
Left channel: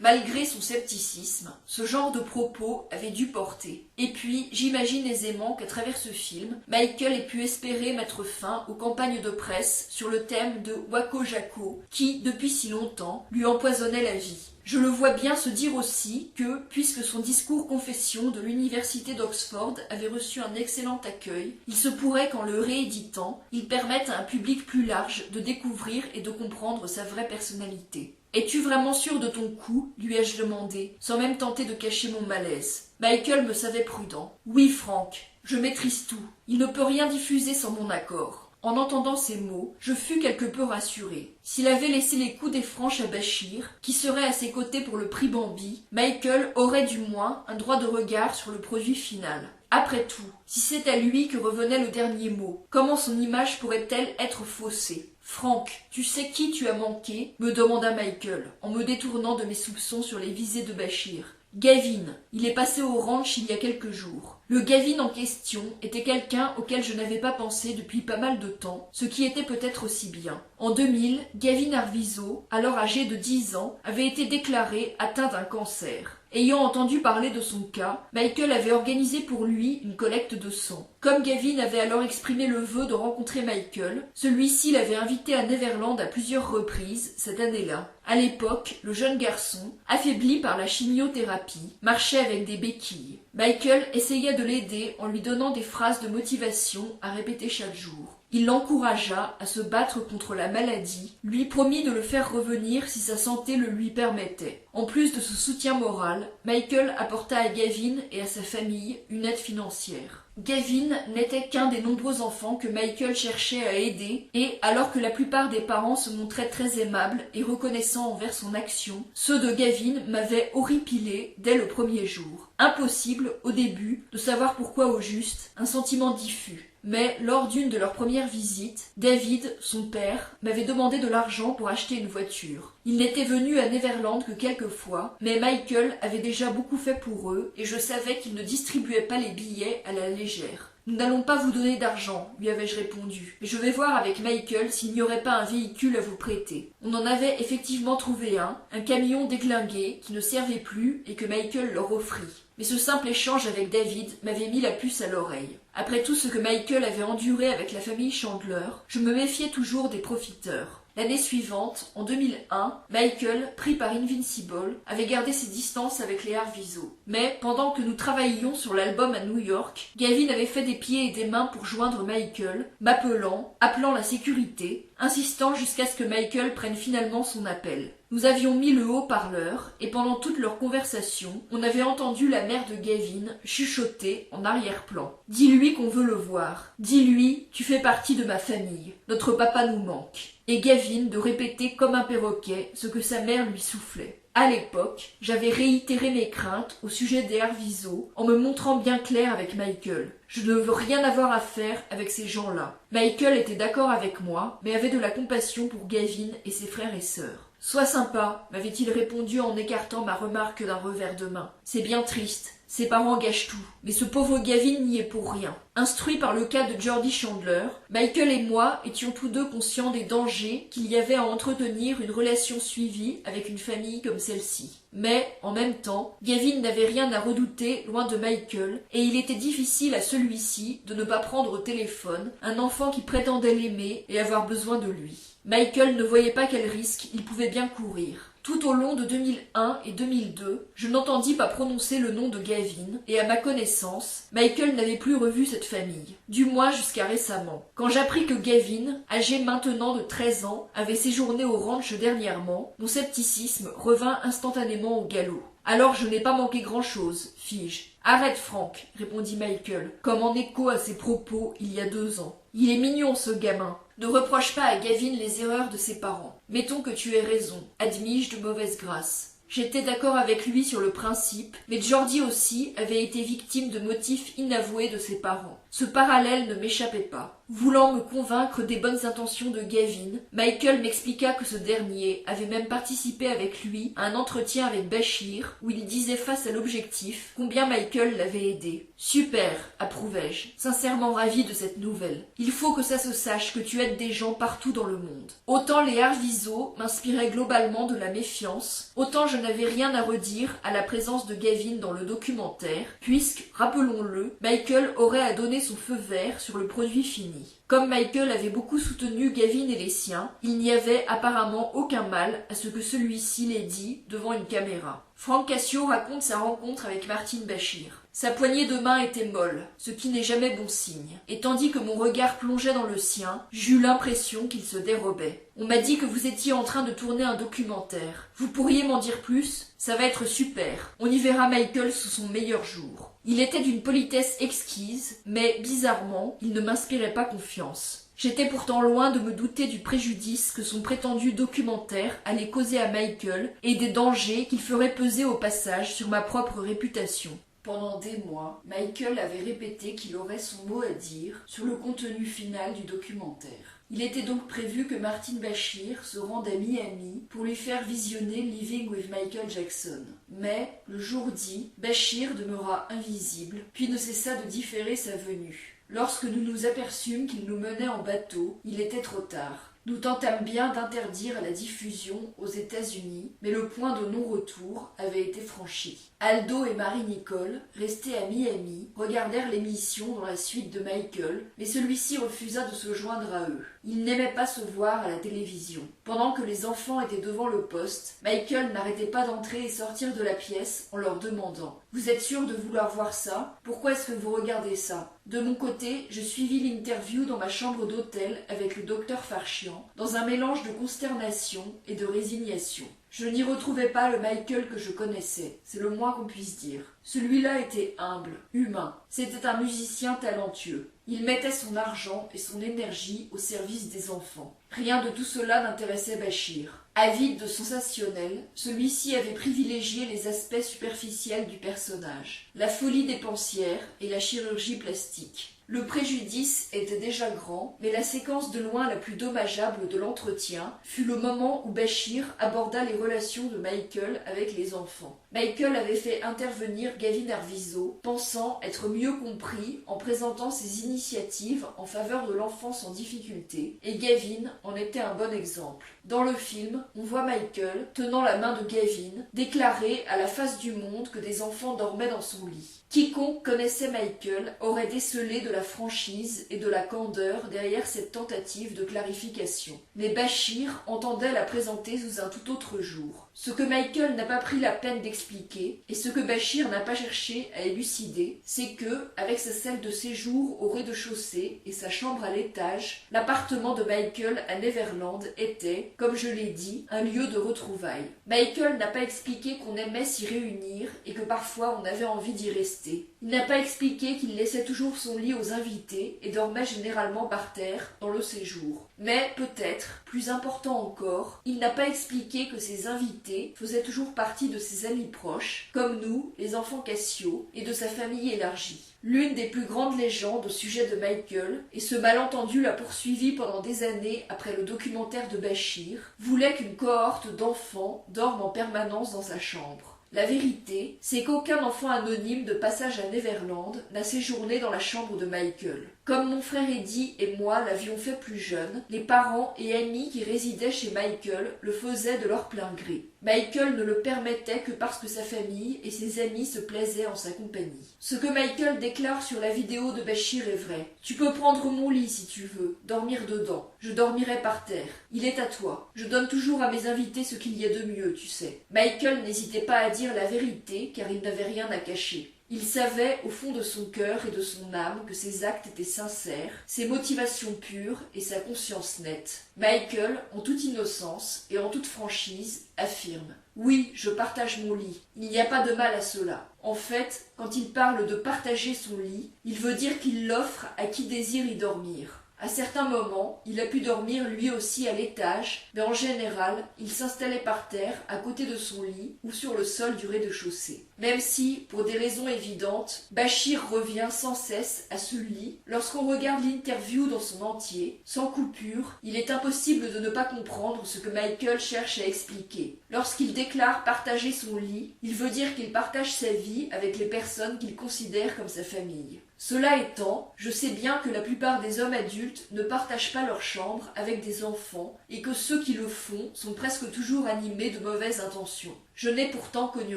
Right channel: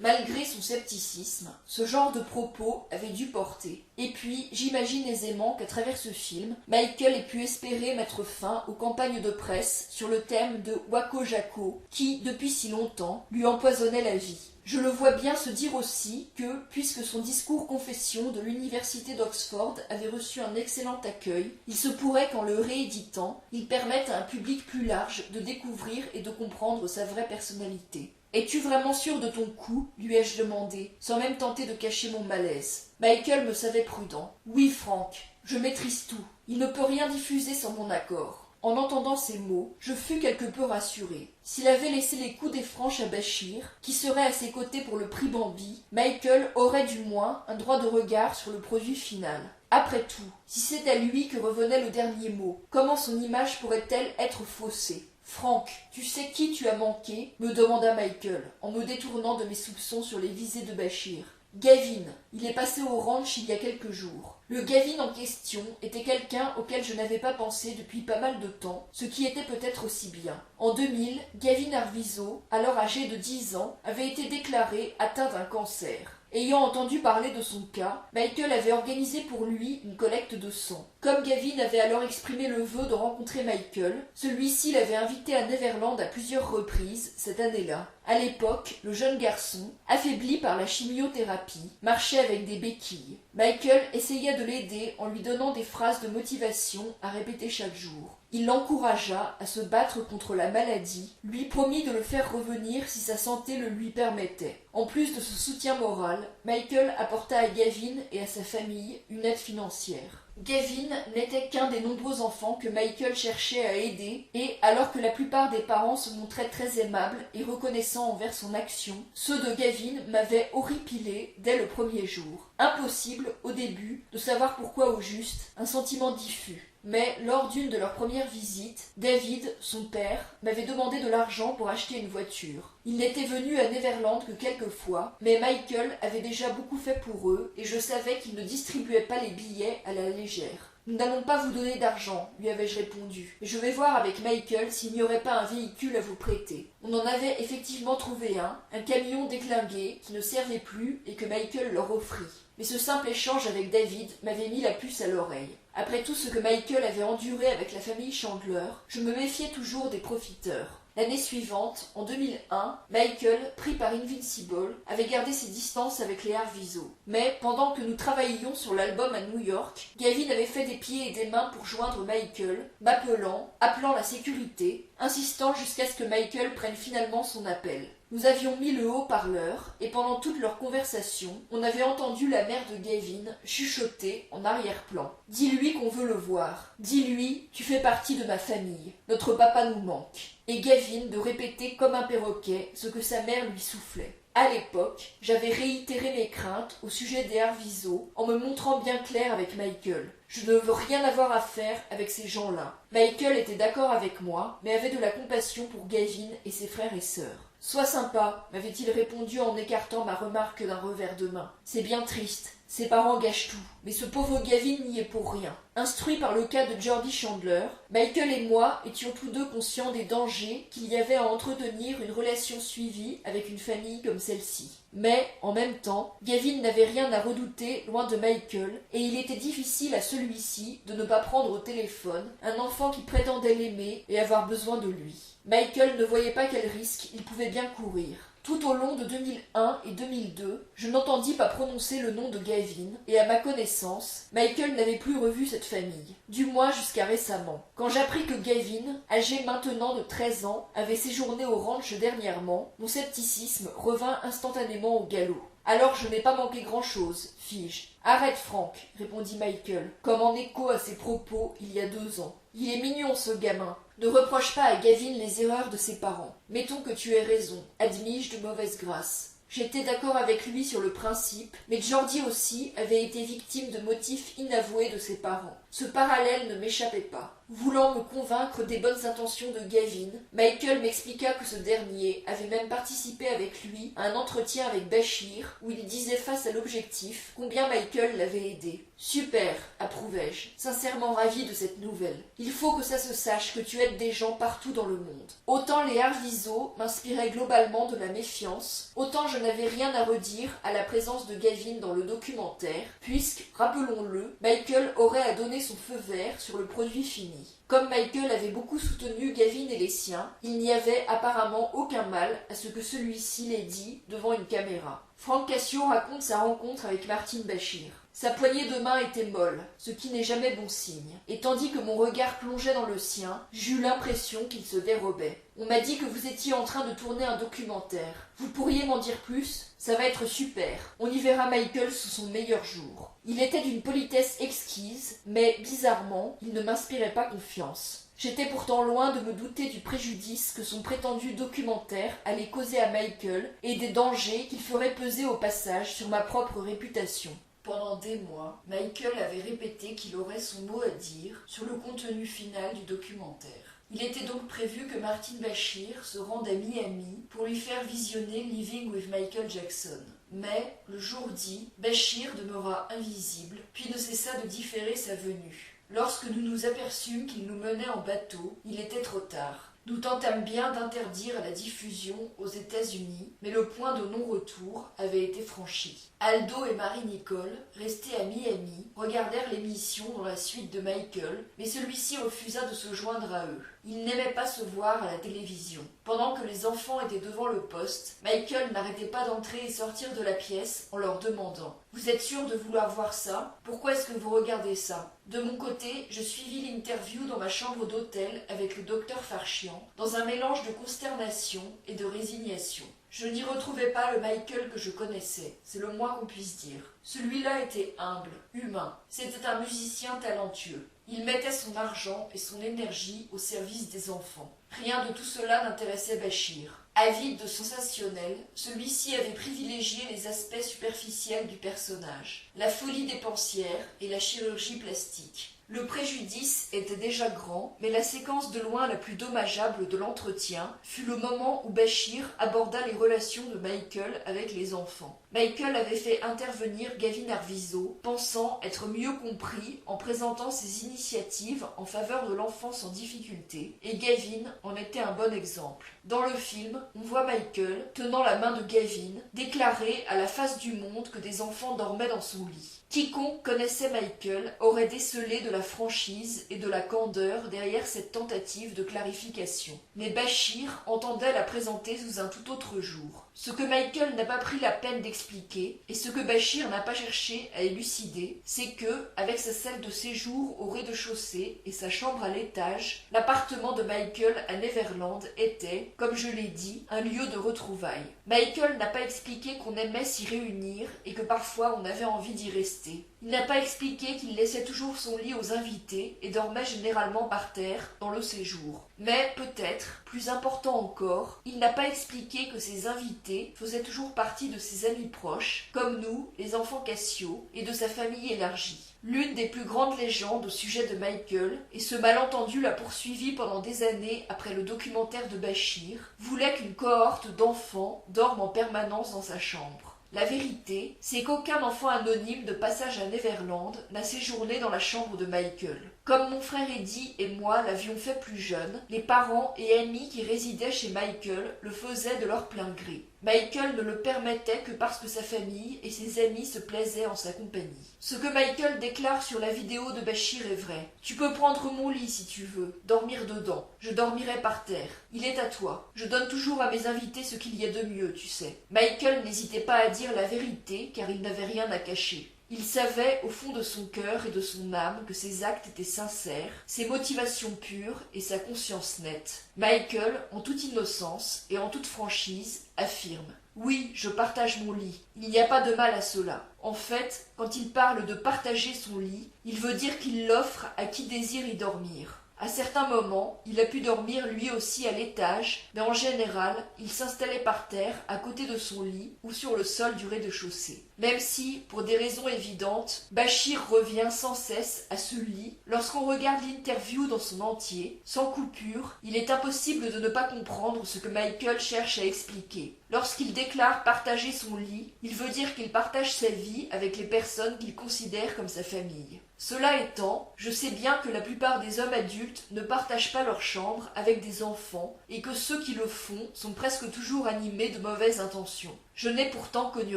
Malgré son scepticisme, ce genre de propos avait dû porter. Et puis, j'imagine aisément qu'à travers ce film, Michael ait pu espérer mettre fin aux campagnes de presse sur le thème de Wako Jako, qui, depuis si longtemps, lui empoisonnait la vie. Je le vois bien se dire aussi que, puisque son discours confession de l'université d'Oxford avait reçu un excellent accueil, il se pourrait qu'en le rééditant, il permette à un public plus large de découvrir et de comprendre sa vraie personnalité. « Es-tu vraiment sûr de ton coup ?» lui ai-je demandé, sans même tenter de cacher mon malaise. Michael me savait prudent. « Oui, Frank, je maîtrise tout. Il ne peut rien diffuser sans mon accord. » En entendant ces mots, je fus quelque peu rassuré. S'il avait laissé les coups des franches à Bachir, qui serait à ses côtés pour le prix Bambi, Michael aurait du moins un droit de regard sur le produit final. Après tout, si c'est à lui que revenait le dernier mot, comment son image pourrait-elle être faussée ? « Frank, tu sais qui tu as manqué ?» me demanda Michael, en me détournant de mes soupçons sur les visées de Bachir. « Gavin, il est passé au ranch il y a quelques jours. » Le Gavin en question était quelqu'un auquel je n'avais pas pensé depuis pas mal de temps, ce qui était peut-être aussi bien. En 2000, Gavin Arvizo, alors âgé de 10 ans, avait été déclaré atteint d'un cancer. Ayant entendu parler de son cas, Michael avait organisé pour lui une collecte de sang. Comme Gavin avait alors exprimé le vœu de rencontrer Michael, celui-ci l'avait invité à Neverland à plusieurs reprises cette année-là. À l'époque, le jeune garçon, affaibli par la chimiothérapie, marchait avec des béquilles. Michael essaya de l'aider en lui donnant des phrases de motivation à répéter chaque jour. Il l'encouragea à se battre contre la maladie, lui promit de le faire revenir si sa santé le lui permettait. En plus de ce soutien moral, Michael apporta à Gavin et à sa famille une aide financière. Gavin n'était qu'un des nombreux enfants que Michael cherchait à aider et, alors que la plupart des parents se montraient très aimables et reconnaissants envers son action, ceux de Gavin m'avaient horripilé dès le premier jour. Impossible, au début, de savoir pourquoi au juste, un sentiment diffus. Mais lors d'une de leurs premières visites, David, son père, m'avait demandé de l'argent pour acheter une voiture. Il n'était venu à Neverland que quelques fois, mais Michael avait déjà beaucoup fait pour eux et je savais qu'il ne distribuait pas les billets à la légère. « Nous n'allons pas vous donner d'argent, lui avais-je répondu. Je vais voir avec Michael s'il n'y aurait pas un véhicule à vous prêter. On en avait effectivement trouvé un camion déglingué qui ne servait plus et que Michael leur offrit. Mais ce simple échange avec David m'avait mis la puce à l'oreille. Après tout ce que Michael avait enduré avec la famille Chandler, je me méfiais toujours des profiteurs. L'année suivante, en 2001, Michael, pris par Invincible, avait gardé ses distances avec les Arvizo. Mais pendant que nous travaillions sur l'album à New York, Gavin avait fait des pieds et des mains pour joindre Michael, appelant la sécurité, insistant jusqu'à ce que Michael prenne finalement son appel. Nous avions mis le haut-parleur, et pendant toute leur conversation, on avait entendu la mère de Gavin chuchoter en arrière-plan. « Dis-lui qu'on veut le voir. Dis-lui, tu fais partie de ma famille. Notre papa nous manque. » Et Gavin de répéter comme un perroquet ce que sa mère lui soufflait. À l'époque, j'avais réitéré mes craintes au sujet des Arvizo en me montrant bien clair avec Michael. Je ne veux rien avoir à faire avec ces gens-là. Michael était d'accord avec moi, mais avait de la compassion pour Gavin et ses frères et sœurs. « Sois sympa, m'avait-il répondu en écartant ma remarque d'un revers de main. C'est bien triste. Ses parents gâchent tout, mais ce pauvre Gavin n'y est pour rien. » Instruit par le cas de Jordy Chandler, Michael et moi étions tous deux conscients des dangers qu'il y avait à entretenir une relation suivie avec une famille comme celle-ci. Mais, en même temps, Gavin n'avait rien à redouter loin de Michael, et il était difficile à celui-ci de ne pas prendre au téléphone un enfant qui prétendait l'aimer et avoir besoin de lui. Michael ne voyait pas quel risque il pouvait bien courir. Tout au long de 2001 et 2002, je n'entendis pas prononcer le nom de Gavin, et à ma connaissance, Michael n'avait plus revu cette famille, du moins jusqu'à récemment. Quand j'appris que Gavin, âgé maintenant de 13 ans, avait séjourné au ranch dernièrement, mon scepticisme revint instantanément au galop. « Alors je n'ai pas manqué grand-chose, fis-je. »« Arrête, Frank, répondit Michael, comme en écho à ses propos il y a 2 ans. Il est mignon ce gamin. Ne reproche pas à Gavin les erreurs de ses parents. Mettons que tu aies raison, admis-je de mauvaise grâce. J'étais d'accord avec lui sur le principe, mais Jordy aussi avait été victime de motifs inavoués de ses parents. Ce parallèle ne m'échappait pas. Voulant me convaincre des bonnes intentions de Gavin, Michael m'expliqua que ce dernier avait même participé avec lui à un entretien avec Bachir où il disait face à l'objectif combien Michael l'avait aidé. « Super !» approuvai-je, sincèrement ravi de cette nouvelle. « Il faut que ça se sache que tu aides des gens partout dans le monde. » Autant les Arvizo m'inspiraient globalement de la méfiance, autant je n'avais rien à redire à la présence de Gavin dans le documentaire, puisque, rappelons-le, Michael aurait à donner son feu vert sur le produit fini. Comme Michael avait beaucoup soutenu Gavin et les siens, il n'y avait apparemment aucun mal à ce que celui-ci l'ait dit devant une caméra. Frank Cassio raconte sa rencontre avec Martin Bashir. Sa poignée de main était molle, ce qui n'est jamais bon signe, et tandis que mon regard plongeait dans le sien, j'eus l'impression qu'il se dérobait. On m'a dit que vous étiez en train de tourner un documentaire. Vous pourriez m'en dire plus? Ça va être super. On y verra Michael sous son meilleur jour. Il était d'une politesse exquise, mais bizarrement, il ne m'inspirait pas confiance. J'étais pourtant loin de me douter du préjudice que son prétendu documentaire allait causer à Michael et des dangers qu'il ferait peser au passage sur ma propre réputation. Pendant des mois, Michael avait répété qu'il aurait son mot à dire sur le contenu final du documentaire. Il était donc prévu que Martin Bashir se rende à Miami pour lui faire visionner Living with Michael Jackson. Mais, le jour dit, Bashir demeura invisible, puis ne cessa de différer sa venue. Lorsque nous nous aperçûmes qu'il nous menait en bateau, il était trop tard. Nous tentâmes bien d'interdire la diffusion aux États-Unis, mais le point de non-retour avait été franchi. Aldo et Marie-Nicole, restés à Miami, regardèrent l'émission dans la suite de Michael, mais celui-ci refusa de se joindre à eux. Il n'aimait pas se voir à la télévision. Pendant que les enfants étaient devant le poste, Michael n'arrêtait pas d'entrer et sortir de la pièce en leur demandant « Vous êtes sûr de vouloir voir ça? Pourquoi est-ce que vous regardez ça ?» De mon côté, je suivis l'interview dans ma chambre d'hôtel avec le docteur Farchian, dans un mélange de consternation et de résignation. Je n'y retrouvais pas le Michael que je connaissais, c'est le moins qu'on puisse dire. Celui-là était humble, humain, c'était un musicien talentueux. Il mettait son argent et son énergie au service des enfants. Rien de tout cela n'intéressait Bashir. Avide de sensationnel, celui-ci avait privilégié les aspects superficiels du personnage, la folie dépensière et la chirurgie plastique. Le préjudice était déjà grand, mais la séquence de loin la plus dommageable de l'entretien fut le moment où Bashir aborda les relations de Michael avec les enfants. Michael avait fait intervenir Gavin Arvizo, pensant être mieux compris en présentant ses initiatives en faveur de l'enfance en difficulté, et Gavin en était un bon exemple. Dans le film, on voit Michael, tenant la main de Gavin, déclarer à la face du monde que des enfants dormaient dans son lit. Quiconque connaissait Michael aurait décelé de la franchise et de la candeur derrière cette tentative de clarification. Mais Bashir entendait la présenter sous un tout autre jour. Ce que Michael n'a pas pris la peine d'expliquer, et ce que Bashir n'a pas cherché à élucider, c'est que, avec sa salle de séjour au rez-de-chaussée et sa chambre à l'étage, l'appartement de Michael à Neverland était, comme je l'ai dit, un lieu de retrouvailles. Michael n'a pas expliqué qu'on aimait s'y réunir et que parfois on avait envie d'y rester. Il n'a pas expliqué qu'il laissait toujours son lit aux invités et dormait généralement par terre dans le séjour. Mais peut-être, plus important encore, il n'a pas expliqué que ses invités faisaient toujours partie de ses amis proches, comme nous, les enfants Cassio, et de sa famille élargie. L'une des plus grandes légendes au sujet de Michael, et ce malentendu l'a poursuivi pendant des années après le documentaire de Bashir, voulait qu'une cohorte d'enfants dorme en permanence dans sa chambre. La vérité, c'est qu'aucun enfant anonyme de passage à Neverland n'a séjourné dans la chambre de Michael. Comme mon frère Eddie et moi l'avions fait plus jeune, les parents et amis qui résidaient chez Michael le faisaient de leur plein gré. Michael ne le permettait que parce que sa famille et ses amis se plaisaient en sa compagnie. Ce que Michael déclare sur la vidéo de Bashir est vrai. Tu peux prendre mon lit si tu veux, dormir dedans. Je dormirai par terre. Il est à toi. Je donne toujours à mes invités ce qu'il y a de mieux, tu sais. Michael n'hésitait pas à dire la vérité car il n'avait rien à cacher. Il savait au fond de son cœur et de son âme que ses actes étaient sincères, ses motivations pures et sa conscience nette. Michael, en toute innocence et en toute franchise, affirme « Oui, je partage mon lit. Il n'y a pas de mal à cela. » En fait, quand il parle de partager son lit, il veut dire qu'il l'offre à qui désire y dormir. À certains moments, il a pu dormir lui aussi à l'étage, mais en général, il s'installait par terre à côté de son lit ou sur le sol du rez-de-chaussée. Même si, pour des raisons évidentes, Bashir revient sans cesse à ce lit, lorsqu'on regarde l'interview dans son entier, sans coupure, il est impossible de ne pas comprendre ce que Michael cherche à expliquer. Lorsqu'il déclare partager son lit, il veut dire qu'il partage sa vie avec les personnes qu'il considère comme sa famille. Cela étant, je sais bien que la plupart des hommes adultes ne partagent pas leur chambre avec des enfants et que ceux qui le font sont presque toujours animés de mauvaises intentions. Je n'ai pourtant connu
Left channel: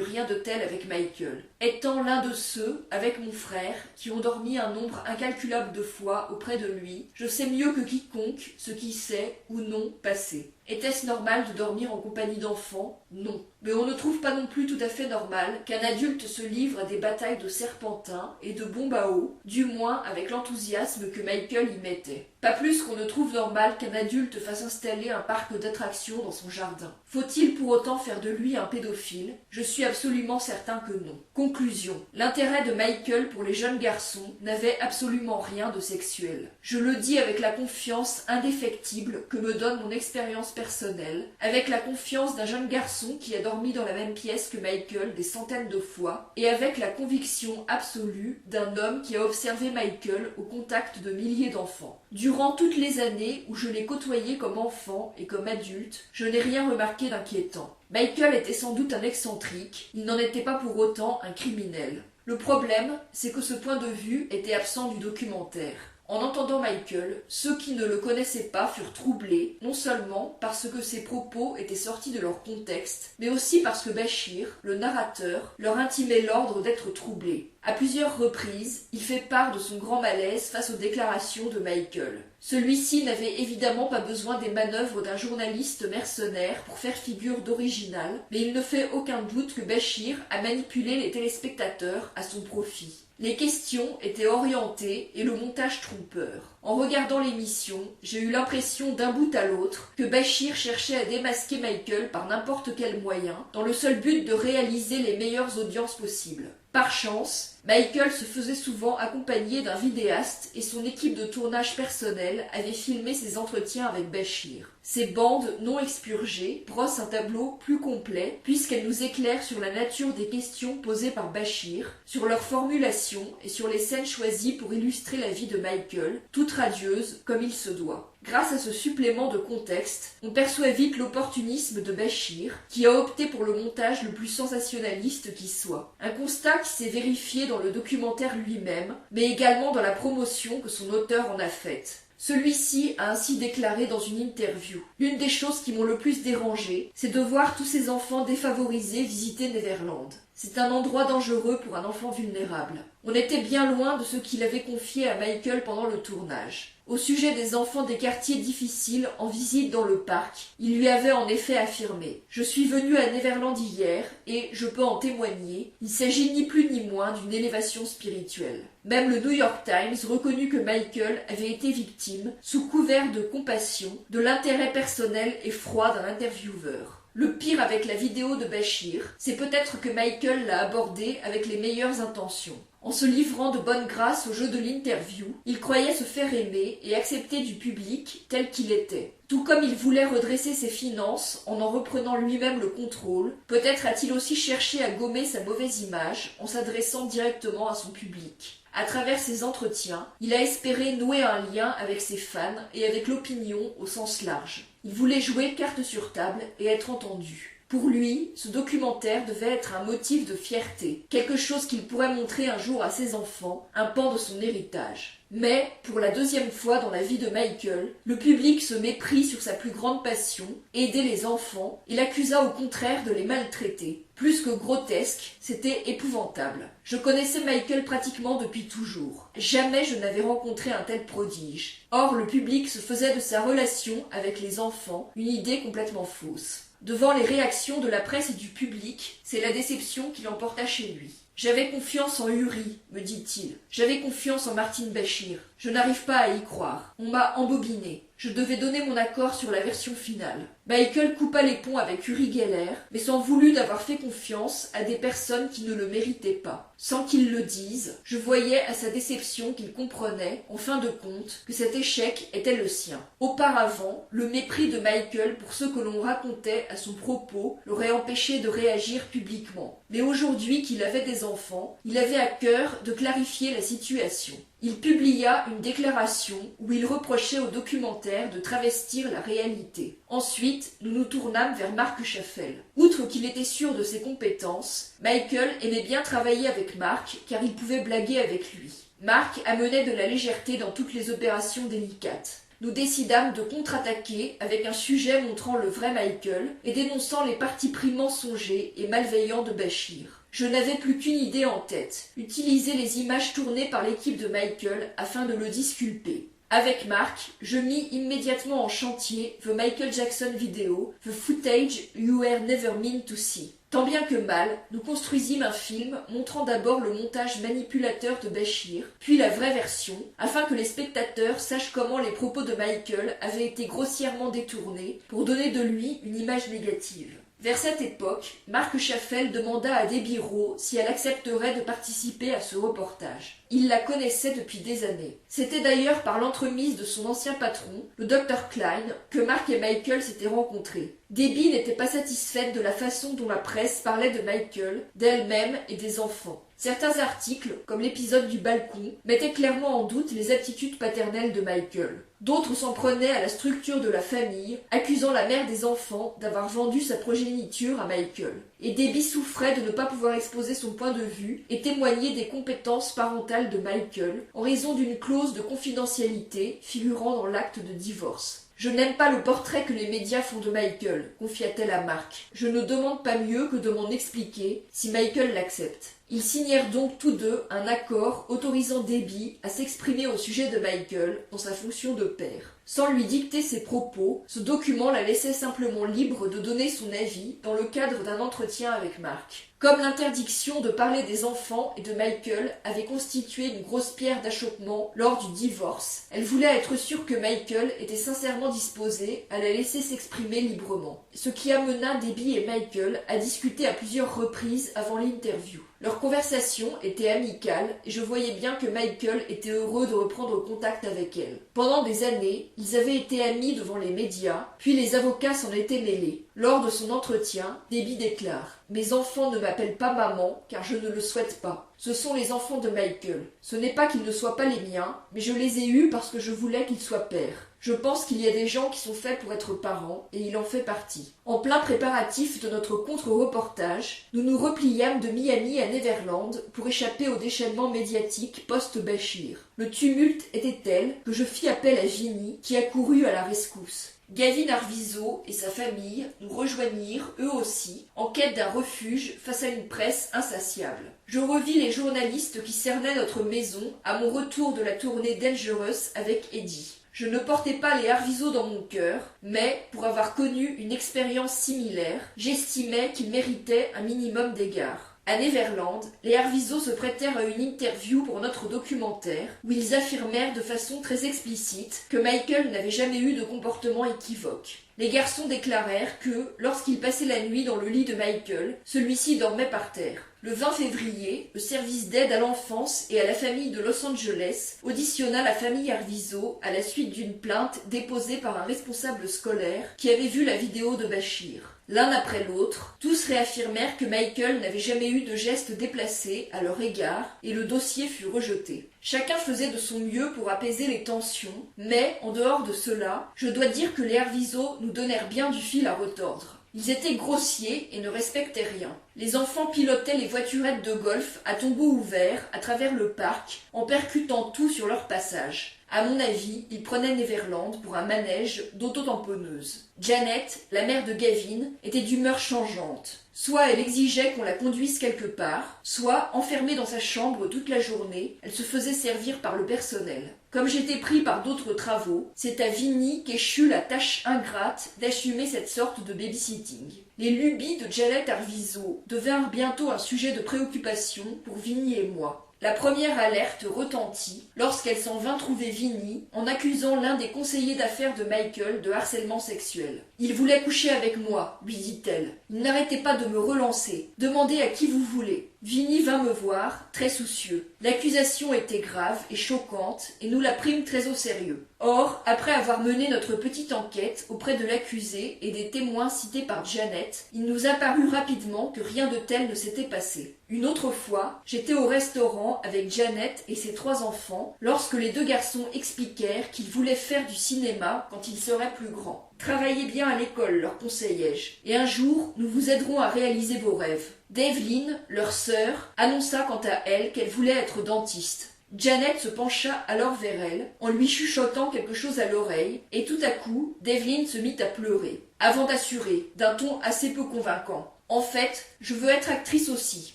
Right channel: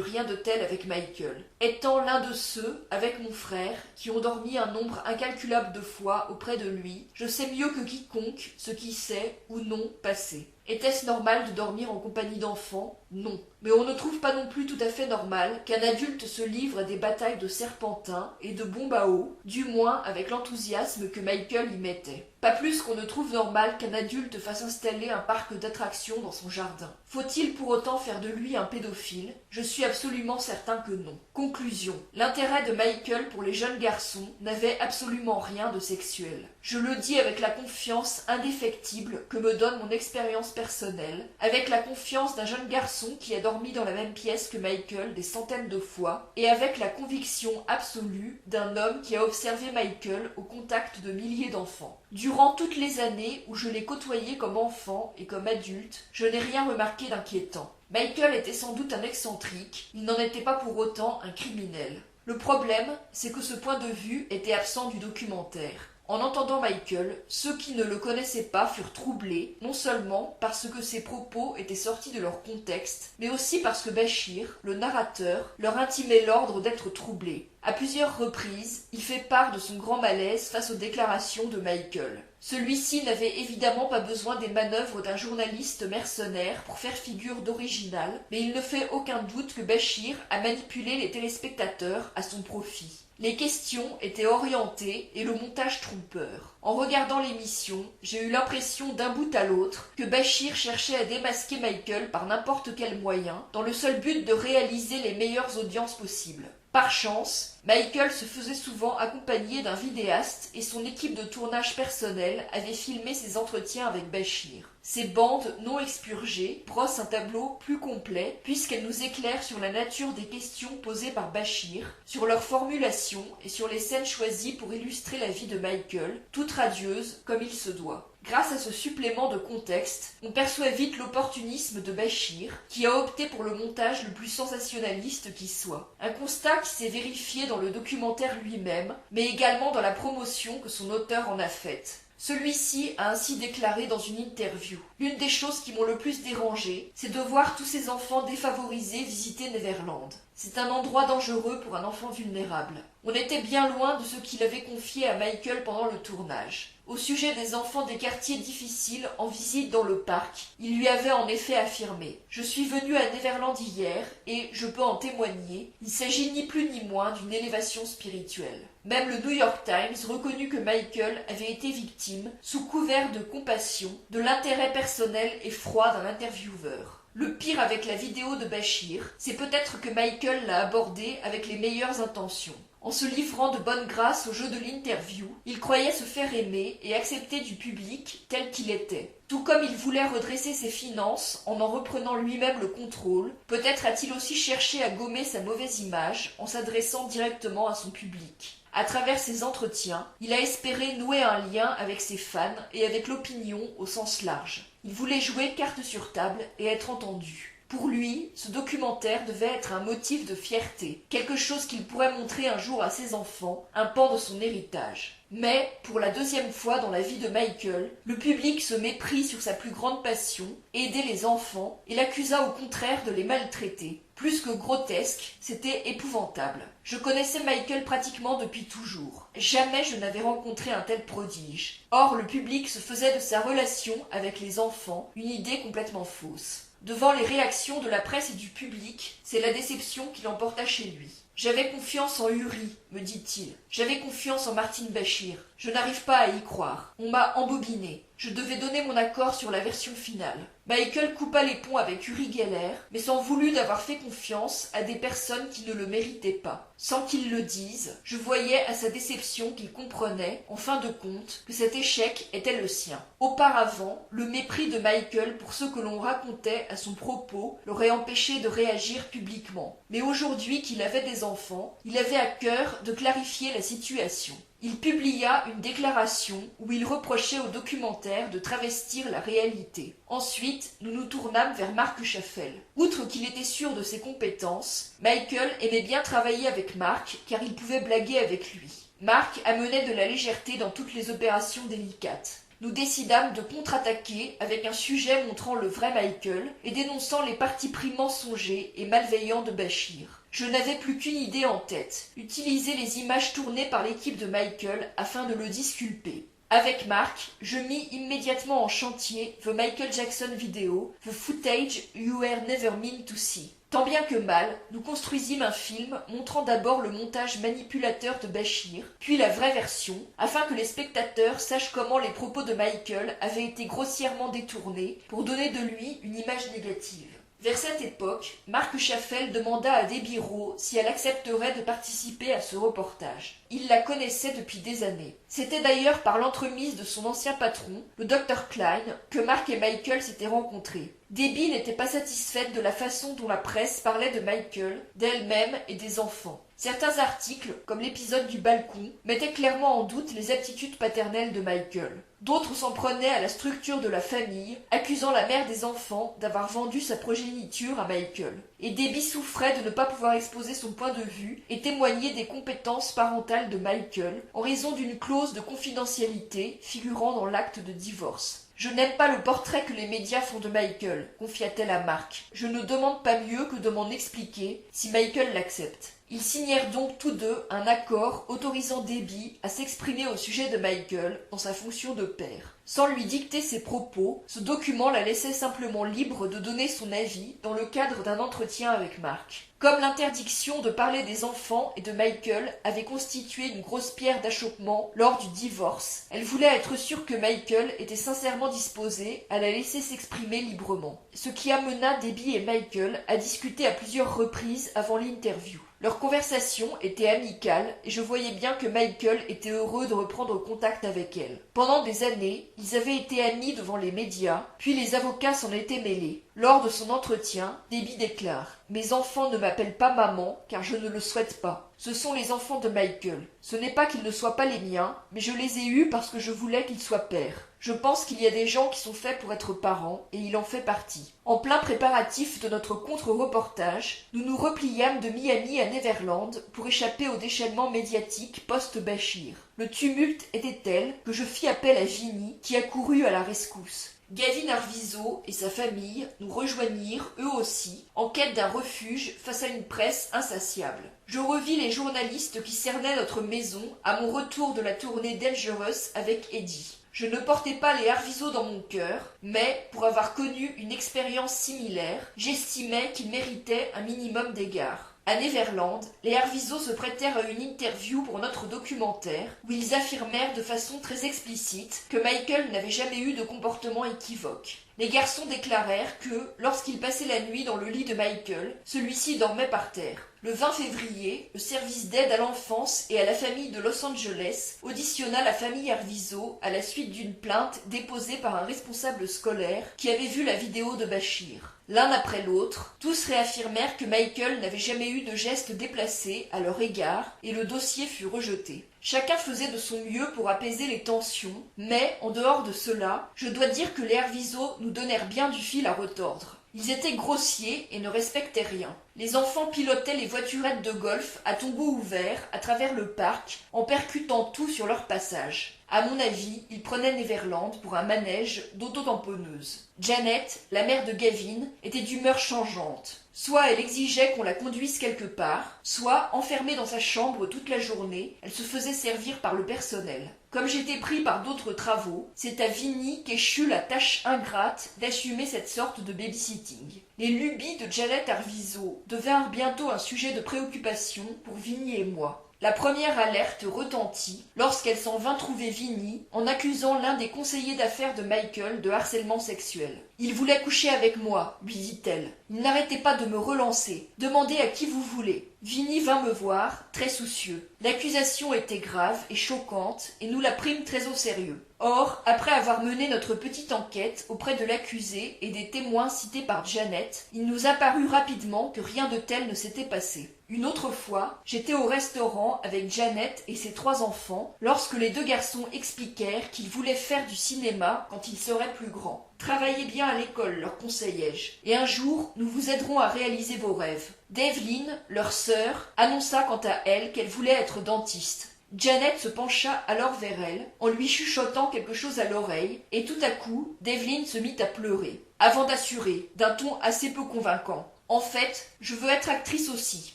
rien de tel avec Michael. Étant l'un de ceux, avec mon frère, qui ont dormi un nombre incalculable de fois auprès de lui, je sais mieux que quiconque ce qui s'est ou non passé. Était-ce normal de dormir en compagnie d'enfants? Non. Mais on ne trouve pas non plus tout à fait normal qu'un adulte se livre à des batailles de serpentins et de bombes à eau, du moins avec l'enthousiasme que Michael y mettait. Pas plus qu'on ne trouve normal qu'un adulte fasse installer un parc d'attractions dans son jardin. Faut-il pour autant faire de lui un pédophile? Je suis absolument certain que non. Conclusion. L'intérêt de Michael pour les jeunes garçons n'avait absolument rien de sexuel. Je le dis avec la confiance indéfectible que me donne mon expérience personnelle, avec la confiance d'un jeune garçon qui a dormi dans la même pièce que Michael des centaines de fois, et avec la conviction absolue d'un homme qui a observé Michael au contact de milliers d'enfants. Durant toutes les années où je l'ai côtoyé comme enfant et comme adulte, je n'ai rien remarqué d'inquiétant. Michael était sans doute un excentrique, il n'en était pas pour autant un criminel. Le problème, c'est que ce point de vue était absent du documentaire. En entendant Michael, ceux qui ne le connaissaient pas furent troublés, non seulement parce que ses propos étaient sortis de leur contexte, mais aussi parce que Bashir, le narrateur, leur intimait l'ordre d'être troublés. À plusieurs reprises, il fait part de son grand malaise face aux déclarations de Michael. Celui-ci n'avait évidemment pas besoin des manœuvres d'un journaliste mercenaire pour faire figure d'original, mais il ne fait aucun doute que Bashir a manipulé les téléspectateurs à son profit. Les questions étaient orientées et le montage trompeur. En regardant l'émission, j'ai eu l'impression d'un bout à l'autre que Bashir cherchait à démasquer Michael par n'importe quel moyen, dans le seul but de réaliser les meilleures audiences possibles. Par chance, Michael se faisait souvent accompagner d'un vidéaste et son équipe de tournage personnel avait filmé ses entretiens avec Bashir. Ces bandes non expurgées brossent un tableau plus complet puisqu'elles nous éclairent sur la nature des questions posées par Bashir, sur leur formulation et sur les scènes choisies pour illustrer la vie de Michael, toute radieuse comme il se doit. Grâce à ce supplément de contexte, on perçoit vite l'opportunisme de Bashir, qui a opté pour le montage le plus sensationnaliste qui soit. Un constat qui s'est vérifié dans le documentaire lui-même, mais également dans la promotion que son auteur en a faite. Celui-ci a ainsi déclaré dans une interview: « L'une des choses qui m'ont le plus dérangé, c'est de voir tous ces enfants défavorisés visiter Neverland. C'est un endroit dangereux pour un enfant vulnérable. On était bien loin de ce qu'il avait confié à Michael pendant le tournage. Au sujet des enfants des quartiers difficiles en visite dans le parc, il lui avait en effet affirmé: « Je suis venu à Neverland hier et, je peux en témoigner, il s'agit ni plus ni moins d'une élévation spirituelle. » Même le New York Times reconnut que Michael avait été victime, sous couvert de compassion, de l'intérêt personnel et froid d'un intervieweur. Le pire avec la vidéo de Bashir, c'est peut-être que Michael l'a abordée avec les meilleures intentions. En se livrant de bonne grâce au jeu de l'interview, il croyait se faire aimer et accepter du public tel qu'il était. Tout comme il voulait redresser ses finances en reprenant lui-même le contrôle, peut-être a-t-il aussi cherché à gommer sa mauvaise image en s'adressant directement à son public. À travers ses entretiens, il a espéré nouer un lien avec ses fans et avec l'opinion au sens large. Il voulait jouer carte sur table et être entendu. Pour lui, ce documentaire devait être un motif de fierté, quelque chose qu'il pourrait montrer un jour à ses enfants, un pan de son héritage. Mais, pour la deuxième fois dans la vie de Michael, le public se méprit sur sa plus grande passion, aider les enfants, et l'accusa au contraire de les maltraiter. Plus que grotesque, c'était épouvantable. Je connaissais Michael pratiquement depuis toujours. Jamais je n'avais rencontré un tel prodige. Or, le public se faisait de sa relation avec les enfants une idée complètement fausse. Devant les réactions de la presse et du public, c'est la déception qui l'emporta chez lui. « J'avais confiance en Uri, me dit-il. J'avais confiance en Martin Bashir. Je n'arrive pas à y croire. On m'a embobiné. Je devais donner mon accord sur la version finale. » Michael coupa les ponts avec Uri Geller, mais s'en voulut d'avoir fait confiance à des personnes qui ne le méritaient pas. Sans qu'il le dise, je voyais à sa déception qu'il comprenait, en fin de compte, que cet échec était le sien. Auparavant, le mépris de Michael pour ce que l'on racontait à son propos l'aurait empêché de réagir publiquement. Mais aujourd'hui qu'il avait des enfants, il avait à cœur de clarifier la situation. Il publia une déclaration où il reprochait au documentaire de travestir la réalité. Ensuite, nous nous tournâmes vers Marc Chaffel. Outre qu'il était sûr de ses compétences, Michael aimait bien travailler avec Marc car il pouvait blaguer avec lui. Mark amenait de la légèreté dans toutes les opérations délicates. Nous décidâmes de contre-attaquer avec un sujet montrant le vrai Michael et dénonçant les partis pris mensongers et malveillants de Bashir. Je n'avais plus qu'une idée en tête, utiliser les images tournées par l'équipe de Michael afin de le disculper. Avec Mark, je mis immédiatement en chantier The Michael Jackson Video, The Footage You Were Never Meant to See. Tant bien que mal, nous construisîmes un film montrant d'abord le montage manipulateur de Bashir, puis la vraie version, afin que les spectateurs sachent comment les propos de Michael avaient été grossièrement détournés pour donner de lui une image négative. Vers cette époque, Marc Chaffel demanda à Debbie Rowe si elle accepterait de participer à ce reportage. Il la connaissait depuis des années. C'était d'ailleurs par l'entremise de son ancien patron, le Dr Klein, que Mark et Michael s'étaient rencontrés. Debbie n'était pas satisfaite de la façon dont la presse parlait de Michael, d'elle-même et des enfants. Certains articles, comme l'épisode du balcon, mettaient clairement en doute les aptitudes paternelles de Michael. D'autres s'en prenaient à la structure de la famille, accusant la mère des enfants d'avoir vendu sa progéniture à Michael. Et Debbie souffrait de ne pas pouvoir exposer son point de vue et témoigner des compétences parentales de Michael en raison d'une clause de confidentialité figurant dans l'acte de divorce. « Je n'aime pas le portrait que les médias font de Michael, confia-t-elle à Mark. Je ne demande pas mieux que de m'en expliquer, si Michael l'accepte. » Ils signèrent donc tous deux un accord autorisant Debbie à s'exprimer au sujet de Michael dans sa fonction de père. Sans lui dicter ses propos, ce document la laissait simplement libre de donner son avis dans le cadre d'un entretien avec Mark. Comme l'interdiction de parler des enfants et de Michael avait constitué une grosse pierre d'achoppement lors du divorce, elle voulait être sûre que Michael était sincèrement disposé à la laisser s'exprimer librement. Ce qui amena Debbie et Michael à discuter à plusieurs reprises avant l'interview. Leur conversation était amicale et je voyais bien que Michael était heureux de reprendre contact avec elle. Pendant des années, ils avaient été amis devant les médias, puis les avocats s'en étaient mêlés. Lors de son entretien, Debbie déclare « Mes enfants ne m'appellent pas maman car je ne le souhaite pas. Ce sont les enfants de Michael. Ce n'est pas qu'ils ne soient pas les miens, mais je les ai eus parce que je voulais qu'ils soient pères. Je pense qu'il y a des gens qui sont faits pour être parents, et il en fait partie. » En plein préparatif de notre contre-reportage, nous nous repliâmes de Miami à Neverland pour échapper au déchaînement médiatique post-Bashir. Le tumulte était tel que je fis appel à Ginny, qui accourut à la rescousse. Gavin Arvizo et sa famille nous rejoignirent, eux aussi, en quête d'un refuge face à une presse insatiable. Je revis les journalistes qui cernaient notre maison à mon retour de la tournée Dangerous avec Eddie. Je ne portais pas les Arvizo dans mon cœur, mais, pour avoir connu une expérience similaire, j'estimais qu'ils méritaient un minimum d'égard. À Neverland, les Arvizo se prêtèrent à une interview pour notre documentaire, où ils affirmèrent de façon très explicite que Michael n'avait jamais eu de comportement équivoque. Les garçons déclarèrent que, lorsqu'ils passaient la nuit dans le lit de Michael, celui-ci dormait par terre. Le 20 février, le service d'aide à l'enfance et à la famille de Los Angeles auditionna la famille Arvizo à la suite d'une plainte déposée par un responsable scolaire qui avait vu la vidéo de Bashir. L'un après l'autre, tous réaffirmèrent que Michael n'avait jamais eu de geste déplacé à leur égard et le dossier fut rejeté. Chacun faisait de son mieux pour apaiser les tensions, mais, en dehors de cela, je dois dire que les Arvizo nous donnèrent bien du fil à retordre. Ils étaient grossiers et ne respectaient rien. Les enfants pilotaient les voiturettes de golf à tombeau ouvert à travers le parc en percutant tout sur leur passage. À mon avis, ils prenaient Neverland pour un manège d'auto-tamponneuse. Janet, la mère de Gavin, était d'humeur changeante. Soit elle exigeait qu'on la conduise quelque part, soit, enfermée dans sa chambre toute la journée, elle se faisait servir par le personnel. Comme j'étais pris par d'autres travaux, c'est à Vinny qu'échut la tâche ingrate d'assumer cette sorte de babysitting. Les lubies de Janet Arvizo devinrent bientôt un sujet de préoccupation pour Vinny et moi. La première alerte retentit lorsqu'elle s'en vint trouver Vinny en accusant l'un des conseillers d'affaires de Michael de harcèlement sexuel. « Il voulait coucher avec moi, lui dit-elle. Il n'arrêtait pas de me relancer. Demandez à qui vous voulez. » Vinny vint me voir, très soucieux. L'accusation était grave et choquante et nous la prîmes très au sérieux. Or, après avoir mené notre petite enquête auprès de l'accusé et des témoins cités par Janet, il nous apparut rapidement que rien de tel ne s'était passé. Une autre fois, j'étais au restaurant avec Janet et ses 3 enfants lorsque les 2 garçons expliquèrent qu'ils voulaient faire du cinéma quand ils seraient plus grands. Travaillez bien à l'école, leur conseillai-je, et un jour, nous vous aiderons à réaliser vos rêves. Devlin, leur sœur, annonça quant à elle qu'elle voulait être dentiste. Janet se pencha alors vers elle, en lui chuchotant quelque chose à l'oreille, et tout à coup, Devlin se mit à pleurer, avant d'assurer, d'un ton assez peu convaincant. En fait, je veux être actrice aussi.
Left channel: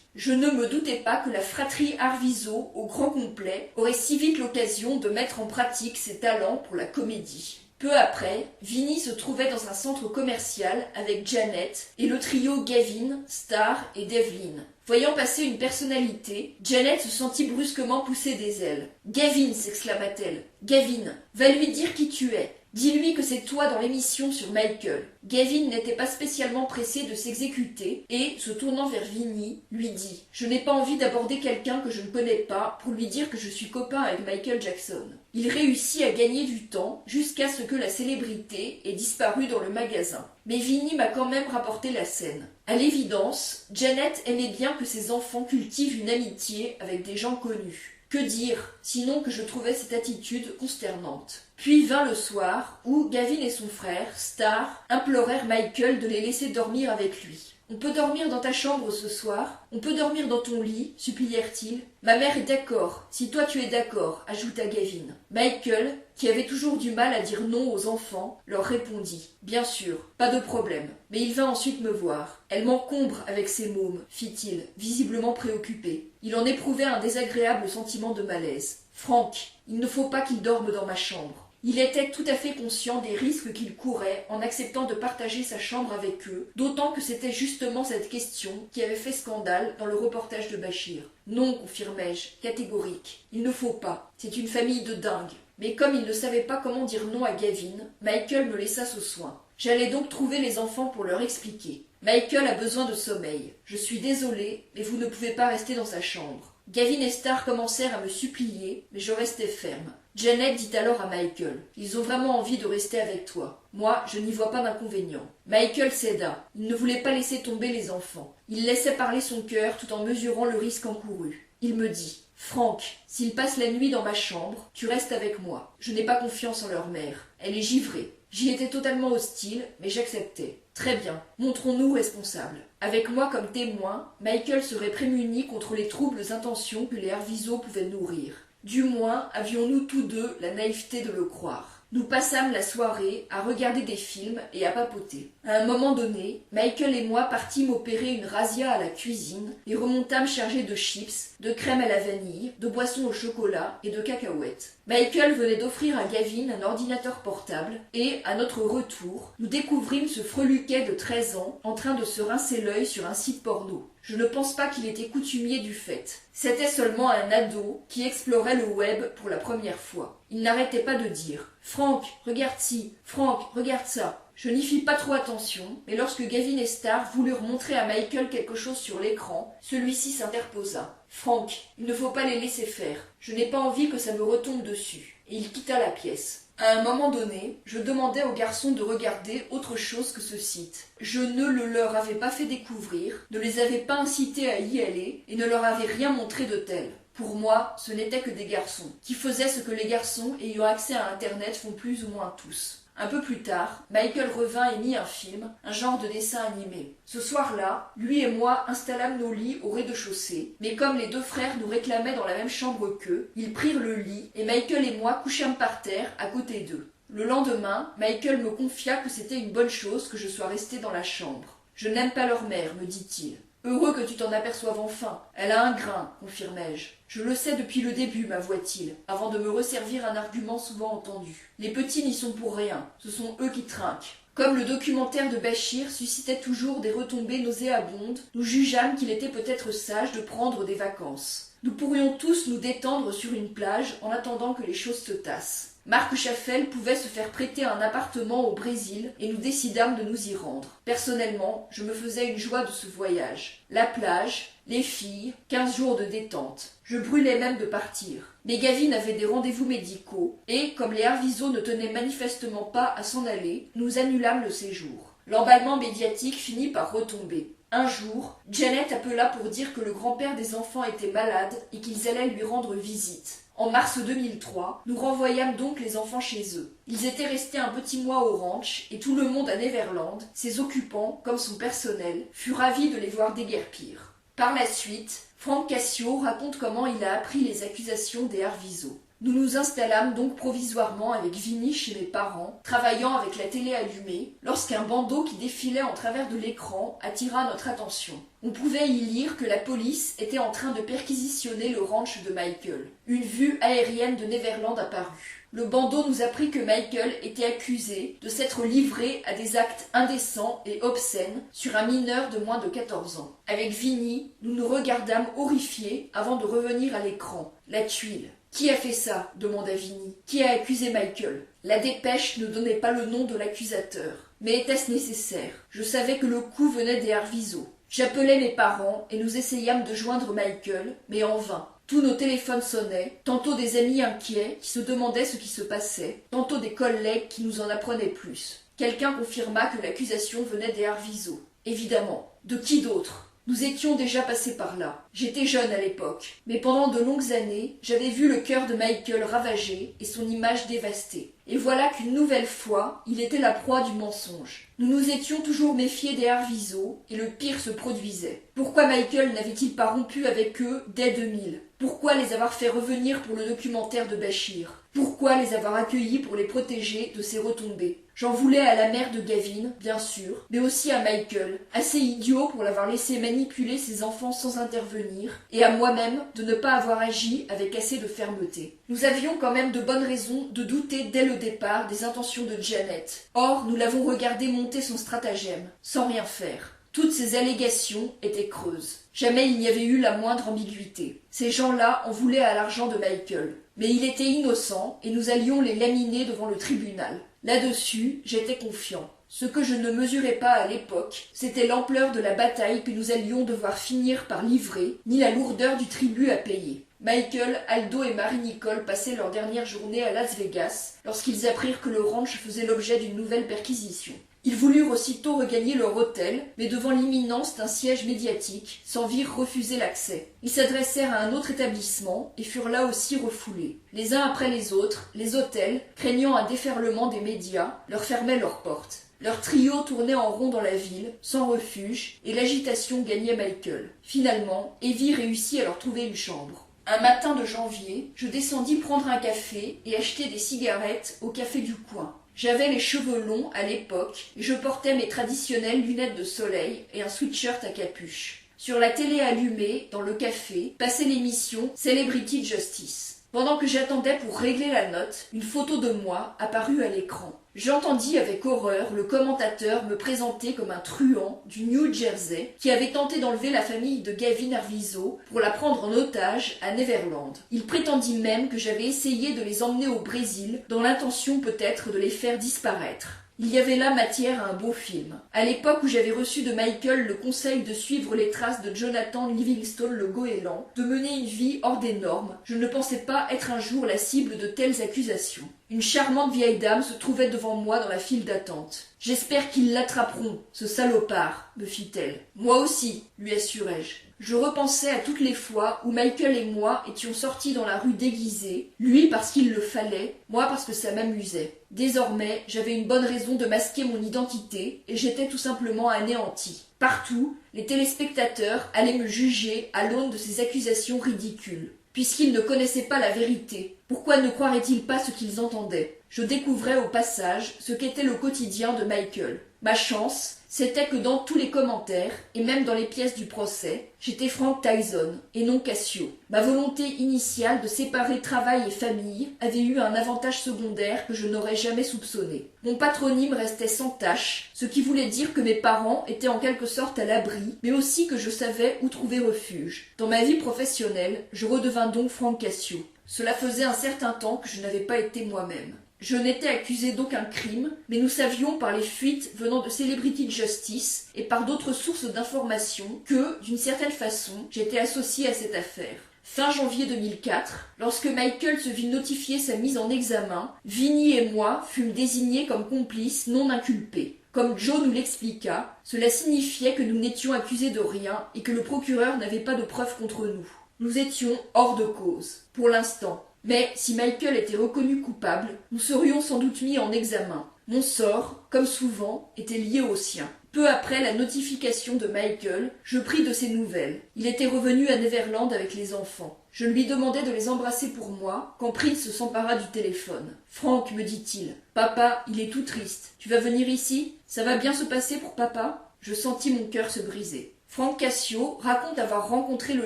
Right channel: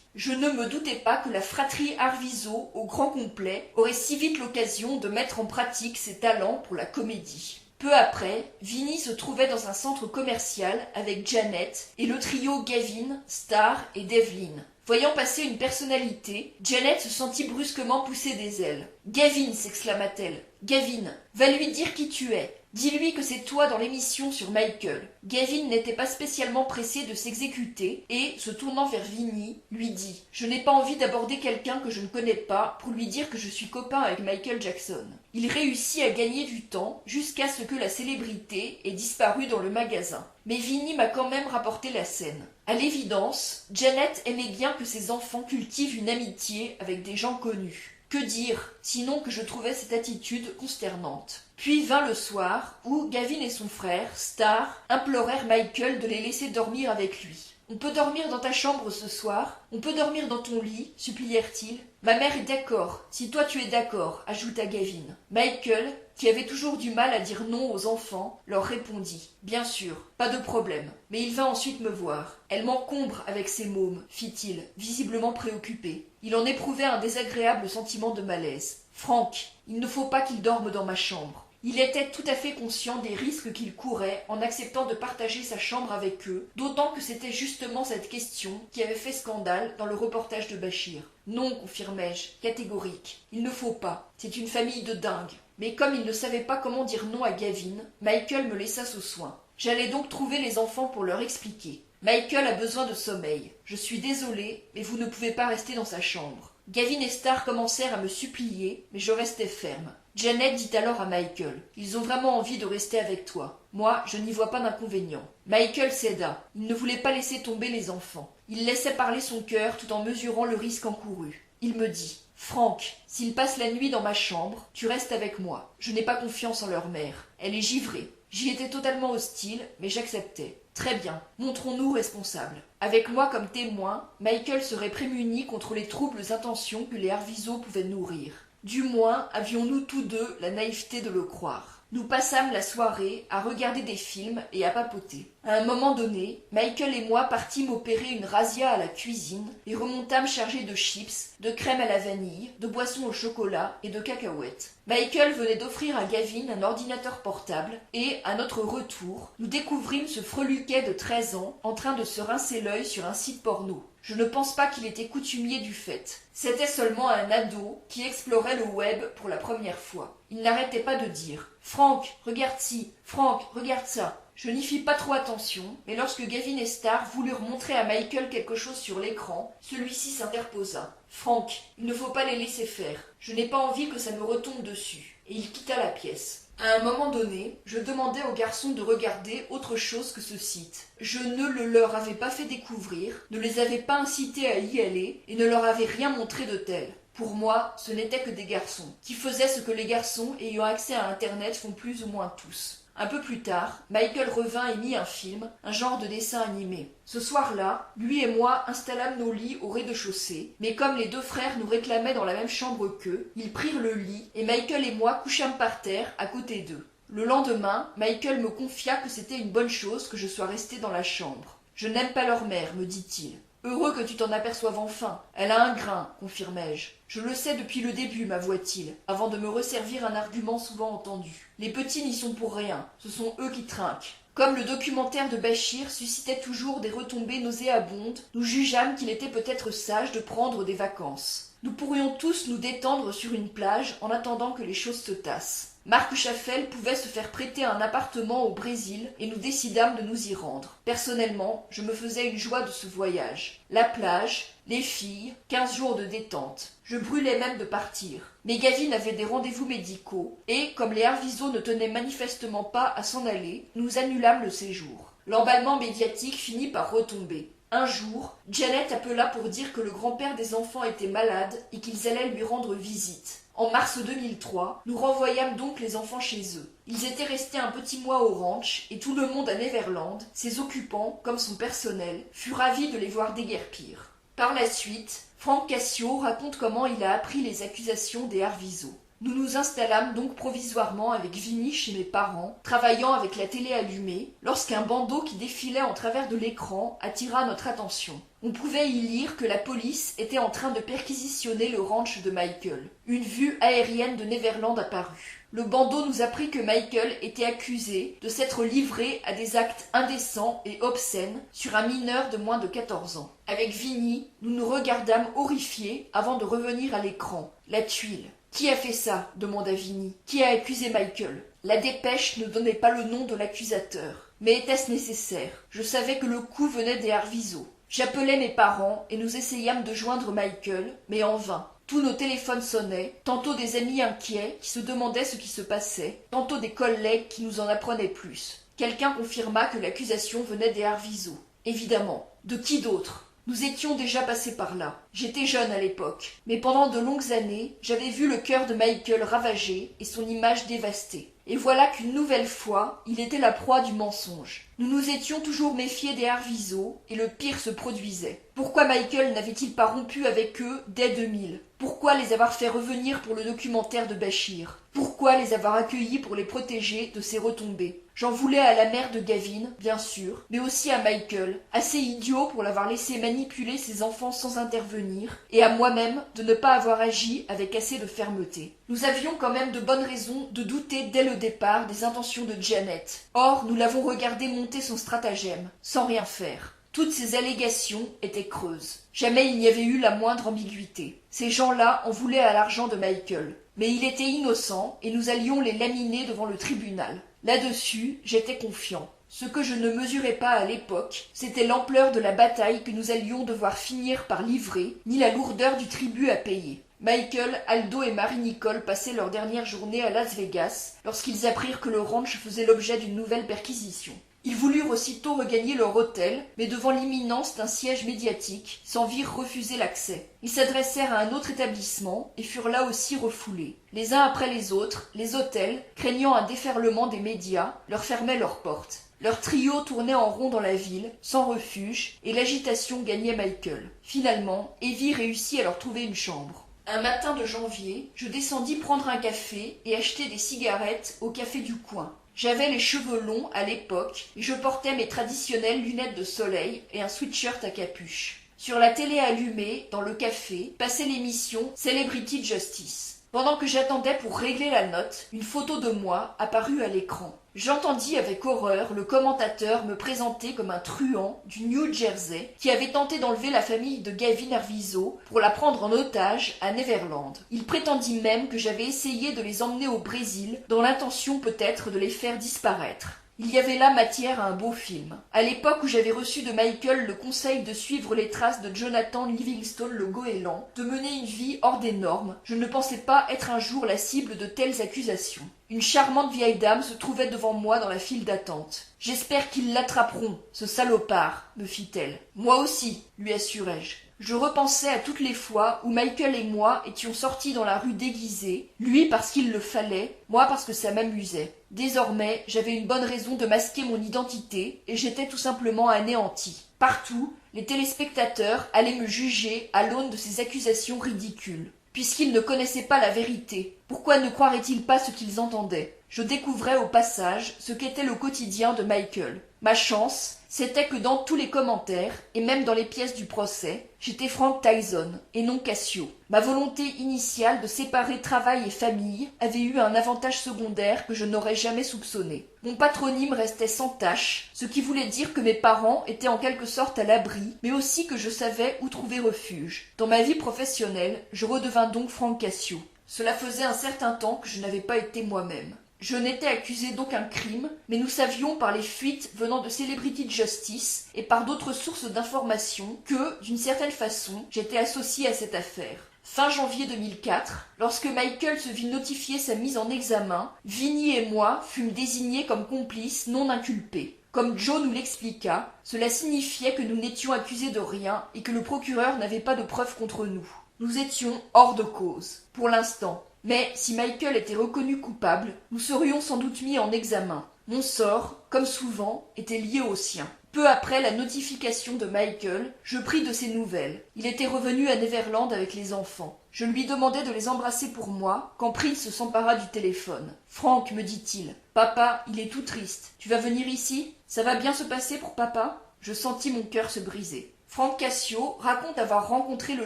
Je ne me doutais pas que la fratrie Arvizo, au grand complet, aurait si vite l'occasion de mettre en pratique ses talents pour la comédie. Peu après, Vinnie se trouvait dans un centre commercial avec Janet et le trio Gavin, Star et Devlin. Voyant passer une personnalité, Janet se sentit brusquement pousser des ailes. « Gavin !» s'exclama-t-elle. « Gavin, va lui dire qui tu es. Dis-lui que c'est toi dans l'émission sur Michael. » Gavin n'était pas spécialement pressé de s'exécuter et, se tournant vers Vinnie, lui dit « Je n'ai pas envie d'aborder quelqu'un que je ne connais pas pour lui dire que je suis copain avec Michael Jackson. » Il réussit à gagner du temps jusqu'à ce que la célébrité ait disparu dans le magasin. Mais Vinnie m'a quand même rapporté la scène. À l'évidence, Janet aimait bien que ses enfants cultivent une amitié avec des gens connus. Que dire, sinon que je trouvais cette attitude consternante. Puis vint le soir, où Gavin et son frère, Star, implorèrent Michael de les laisser dormir avec lui. « On peut dormir dans ta chambre ce soir? On peut dormir dans ton lit ?» supplièrent-ils. « Ma mère est d'accord, si toi tu es d'accord » ajouta Gavin. Michael, qui avait toujours du mal à dire non aux enfants, leur répondit « Bien sûr, pas de problème, mais il va ensuite me voir. Elle m'encombre avec ses mômes, fit-il, visiblement préoccupé. Il en éprouvait un désagréable sentiment de malaise. « Frank, il ne faut pas qu'il dorme dans ma chambre. » Il était tout à fait conscient des risques qu'il courait en acceptant de partager sa chambre avec eux, d'autant que c'était justement cette question qui avait fait scandale dans le reportage de Bachir. « Non, confirmai-je, catégorique. Il ne faut pas. C'est une famille de dingues. » Mais comme il ne savait pas comment dire non à Gavin, Michael me laissa ce soin. J'allais donc trouver les enfants pour leur expliquer. « Michael a besoin de sommeil. Je suis désolée, mais vous ne pouvez pas rester dans sa chambre. » Gavin et Star commencèrent à me supplier, mais je restai ferme. Janet dit alors à Michael « Ils ont vraiment envie de rester avec toi. Moi, je n'y vois pas d'inconvénient. » Michael céda. Il ne voulait pas laisser tomber les enfants. Il laissait parler son cœur tout en mesurant le risque encouru. Il me dit « Frank, s'ils passent la nuit dans ma chambre, tu restes avec moi. Je n'ai pas confiance en leur mère. Elle est givrée. » J'y étais totalement hostile, mais j'acceptais. Très bien, montrons-nous responsables. Avec moi comme témoin, Michael serait prémuni contre les troubles intentions que les Arvizo pouvaient nourrir. Du moins, avions-nous tous deux la naïveté de le croire. Nous passâmes la soirée à regarder des films et à papoter. À un moment donné, Michael et moi partîmes opérer une razzia à la cuisine et remontâmes chargés de chips, de crème à la vanille, de boissons au chocolat et de cacahuètes. Michael venait d'offrir à Gavin un ordinateur portable et, à notre retour, nous découvrîmes ce freluquet de 13 ans en train de se rincer l'œil sur un site porno. Je ne pense pas qu'il était coutumier du fait. C'était seulement un ado qui explorait le web pour la première fois. Il n'arrêtait pas de dire « Frank, regarde ci, Frank, regarde ça ». Je n'y fis pas trop attention, mais lorsque Gavin et Star voulurent montrer à Michael quelque chose sur l'écran, celui-ci s'interposa. « Frank, il ne faut pas les laisser faire. Je n'ai pas envie que ça me retombe dessus. » Et il quitta la pièce. À un moment donné, je demandai aux garçons de regarder autre chose que ce site. Je ne le leur avais pas fait découvrir, ne les avais pas incités à y aller et ne leur avais rien montré de tel. Pour moi, ce n'étaient que des garçons, qui faisaient ce que les garçons ayant accès à Internet font plus ou moins tous. Un peu plus tard, Michael revint et mit un film, un genre de dessin animé. Ce soir-là, lui et moi installâmes nos lits au rez-de-chaussée, mais comme les deux frères nous réclamaient dans la même chambre qu'eux, ils prirent le lit et Michael et moi couchâmes par terre à côté d'eux. Le lendemain, Michael me confia que c'était une bonne chose que je sois resté dans la chambre. « Je n'aime pas leur mère, me dit-il. » « Heureux que tu t'en aperçoives enfin. Elle a un grain, confirmai-je. « Je le sais depuis le début, m'avoua-t-il, avant de me resservir un argument souvent entendu. Les petits n'y sont pour rien, ce sont eux qui trinquent. » Comme le documentaire de Bachir suscitait toujours des retombées nauséabondes, nous jugeâmes qu'il était peut-être sage de prendre des vacances. Nous pourrions tous nous détendre sur une plage en attendant que les choses se tassent. Marc Chaffel pouvait se faire prêter un appartement au Brésil et nous décidâmes de nous y rendre. Personnellement, je me faisais une joie de ce voyage. La plage, les filles, 15 jours de détente. Je brûlais même de partir. Mais Gavin avait des rendez-vous médicaux et, comme les Arvizo ne tenaient manifestement pas à s'en aller, nous annulâmes le séjour. L'emballement médiatique finit par retomber. Un jour, Janet appela pour dire que le grand-père des enfants était malade et qu'ils allaient lui rendre visite. En mars 2003, nous renvoyâmes donc les enfants chez eux. Ils étaient restés un petit mois au ranch et tout le monde à Neverland, ses occupants comme son personnel, fut ravi de les voir déguerpir. Par la suite, Frank Cassio raconte comment il a appris les accusations des Arvizo. Nous nous installâmes donc provisoirement avec Vinny chez mes parents, travaillant avec la télé allumée, lorsqu'un bandeau qui défilait en travers de l'écran attira notre attention. On pouvait y lire que la police était en train de perquisitionner le ranch de Michael. Une vue aérienne de Neverland apparut. Le bandeau nous apprit que Michael était accusé de s'être livré à des actes indécents et obscènes sur un mineur de moins de 14 ans. Avec Vinny, nous nous regardâmes horrifiés avant de revenir à l'écran. La tuile. Qui a fait ça ? Demanda Vinny. Qui a accusé Michael ? La dépêche ne donnait pas le nom de l'accusateur. Mais était-ce nécessaire ? Je savais que le coup venait des Arvizo. J'appelai mes parents et nous essayâmes de joindre Michael, mais en vain. Tous nos téléphones sonnaient, tantôt des amis inquiets qui se demandaient ce qui se passait, tantôt des collègues qui nous en apprenaient plus. Quelqu'un confirma que l'accusation venait des Arvizo. Évidemment. De qui d'autre ? Nous étions déjà passés par là. J'étais jeune à l'époque, mais pendant de longues années, j'avais vu le cœur de Michael ravagé et son image dévastée. Et voilà qu'une nouvelle fois, il était la proie du mensonge. Nous nous étions toujours méfiés des Arvizo, et le pire se produisait. Pourquoi Michael n'avait-il pas rompu avec eux dès 2000 ? Pourquoi les avoir fait revenir pour le documentaire de Bachir ? Pourquoi les avoir accueillis pour les protéger de ces retombées ? J'en voulais à la mère de Gavin, bien sûr, mais aussi à Michael, assez idiot pour l'avoir laissé manipuler ses enfants sans intervenir, et à moi-même de ne pas avoir agi avec assez de fermeté. Nous avions quand même de bonnes raisons de douter dès le départ des intentions de Janet. Or, nous l'avons regardé monter son stratagème, sans rien faire. Toutes ces allégations étaient creuses. Jamais il n'y avait eu la moindre ambiguïté. Ces gens-là en voulaient à l'argent de Michael. Mais il était innocent et nous allions les laminer devant le tribunal. Là-dessus, j'étais confiant. Ce que je ne mesurais pas à l'époque, c'était l'ampleur de la bataille que nous allions devoir finir par livrer, ni la lourdeur du tribut à payer. Michael, Aldo et Marie-Nicole passaient leur dernière journée à Las Vegas lorsqu'ils apprirent que le ranch faisait l'objet d'une nouvelle perquisition. Ils voulurent aussitôt regagner leur hôtel, mais devant l'imminence d'un siège médiatique, s'en virent refuser l'accès. Ils s'adressèrent à un autre établissement et furent là aussi refoulés. Les uns après les autres, les hôtels, craignant un déferlement des médias, leur fermaient leurs portes. Leur trio tournait en rond dans la ville, sans refuge, et l'agitation gagnait Michael. Finalement, Evie réussit à leur trouver une chambre. Un matin de janvier, je descendis prendre un café et acheter des cigarettes au café du coin. J'avais les cheveux longs à l'époque et je portais mes traditionnelles lunettes de soleil et un sweatshirt à capuche. Sur la télé allumée, dans le café, passait l'émission Celebrity Justice. Pendant que j'attendais pour régler la note, une photo de moi apparut à l'écran. J'entendis avec horreur le commentateur me présenter comme un truand du New Jersey qui avait tenté d'enlever la famille de Gavin Arvizo pour la prendre en otage à Neverland. Il prétendit même que j'avais essayé de les emmener au Brésil dans l'intention peut-être de les faire disparaître. Il y avait là matière à un beau film. À l'époque où j'avais reçu de Michael le conseil de suivre les traces de Jonathan Livingstone le goéland, de mener une vie hors des normes, je ne pensais pas être un jour la cible de telles accusations. Une charmante vieille dame se trouvait devant moi dans la file d'attente. « J'espère qu'ils l'attraperont, ce salopard, » me fit-elle. « Moi aussi, » lui assurai-je. Je repensais à toutes les fois où Michael et moi étions sortis dans la rue déguisés, lui parce qu'il le fallait, moi parce que ça m'amusait. Désormais, j'avais une bonne raison de masquer mon identité et j'étais tout simplement anéanti. Partout, les téléspectateurs allaient me juger à l'aune de ces accusations ridicules. Puisqu'ils ne connaissaient pas la vérité, pourquoi ne croiraient-ils pas ce qu'ils entendaient ? Je découvrais au passage ce qu'était le quotidien de Michael. Ma chance, c'était que dans tous les commentaires, et même dans les pièces du procès, j'étais Frank Tyson, et non Cassio. Ma volonté initiale de séparer travail et famille avait eu un avantage secondaire que je n'aurais jamais soupçonné. Mon patronyme restait sans tache, ce qui voulait dire que mes parents étaient en quelque sorte à l'abri, mais aussi que je savais où trouver refuge. Dans ma vie professionnelle, je redevins donc Frank Cassio. Cela faisait un certain temps que je n'avais pas été moi-même. Je n'étais accusé d'aucun crime, mais nous savions par les fuites venant de Celebrity Justice et par d'autres sources d'informations que, d'une certaine façon, j'étais associé à cette affaire. Fin janvier 2004, lorsque Michael se vit notifier sa mise en examen, Vinny et moi fûmes désignés comme complices non inculpés. Comme Joe nous l'expliqua, cela signifiait que nous n'étions accusés de rien et que le procureur n'avait pas de preuves contre nous. Nous étions hors de cause, pour l'instant. Mais si Michael était reconnu coupable, nous serions sans doute mis en examen. Mon sort, comme souvent, était lié au sien. Peu après la notification de Michael, je pris de ses nouvelles. Il était revenu à Neverland avec les enfants. Je lui demandai de les embrasser pour moi quand Prince s'empara du téléphone. « Frank, me dit-il, papa, il est tout triste. Tu vas venir ici? Ça va bien se passer pour papa ?» Je sentis mon cœur se briser. Frank Cassio raconte avoir rencontré le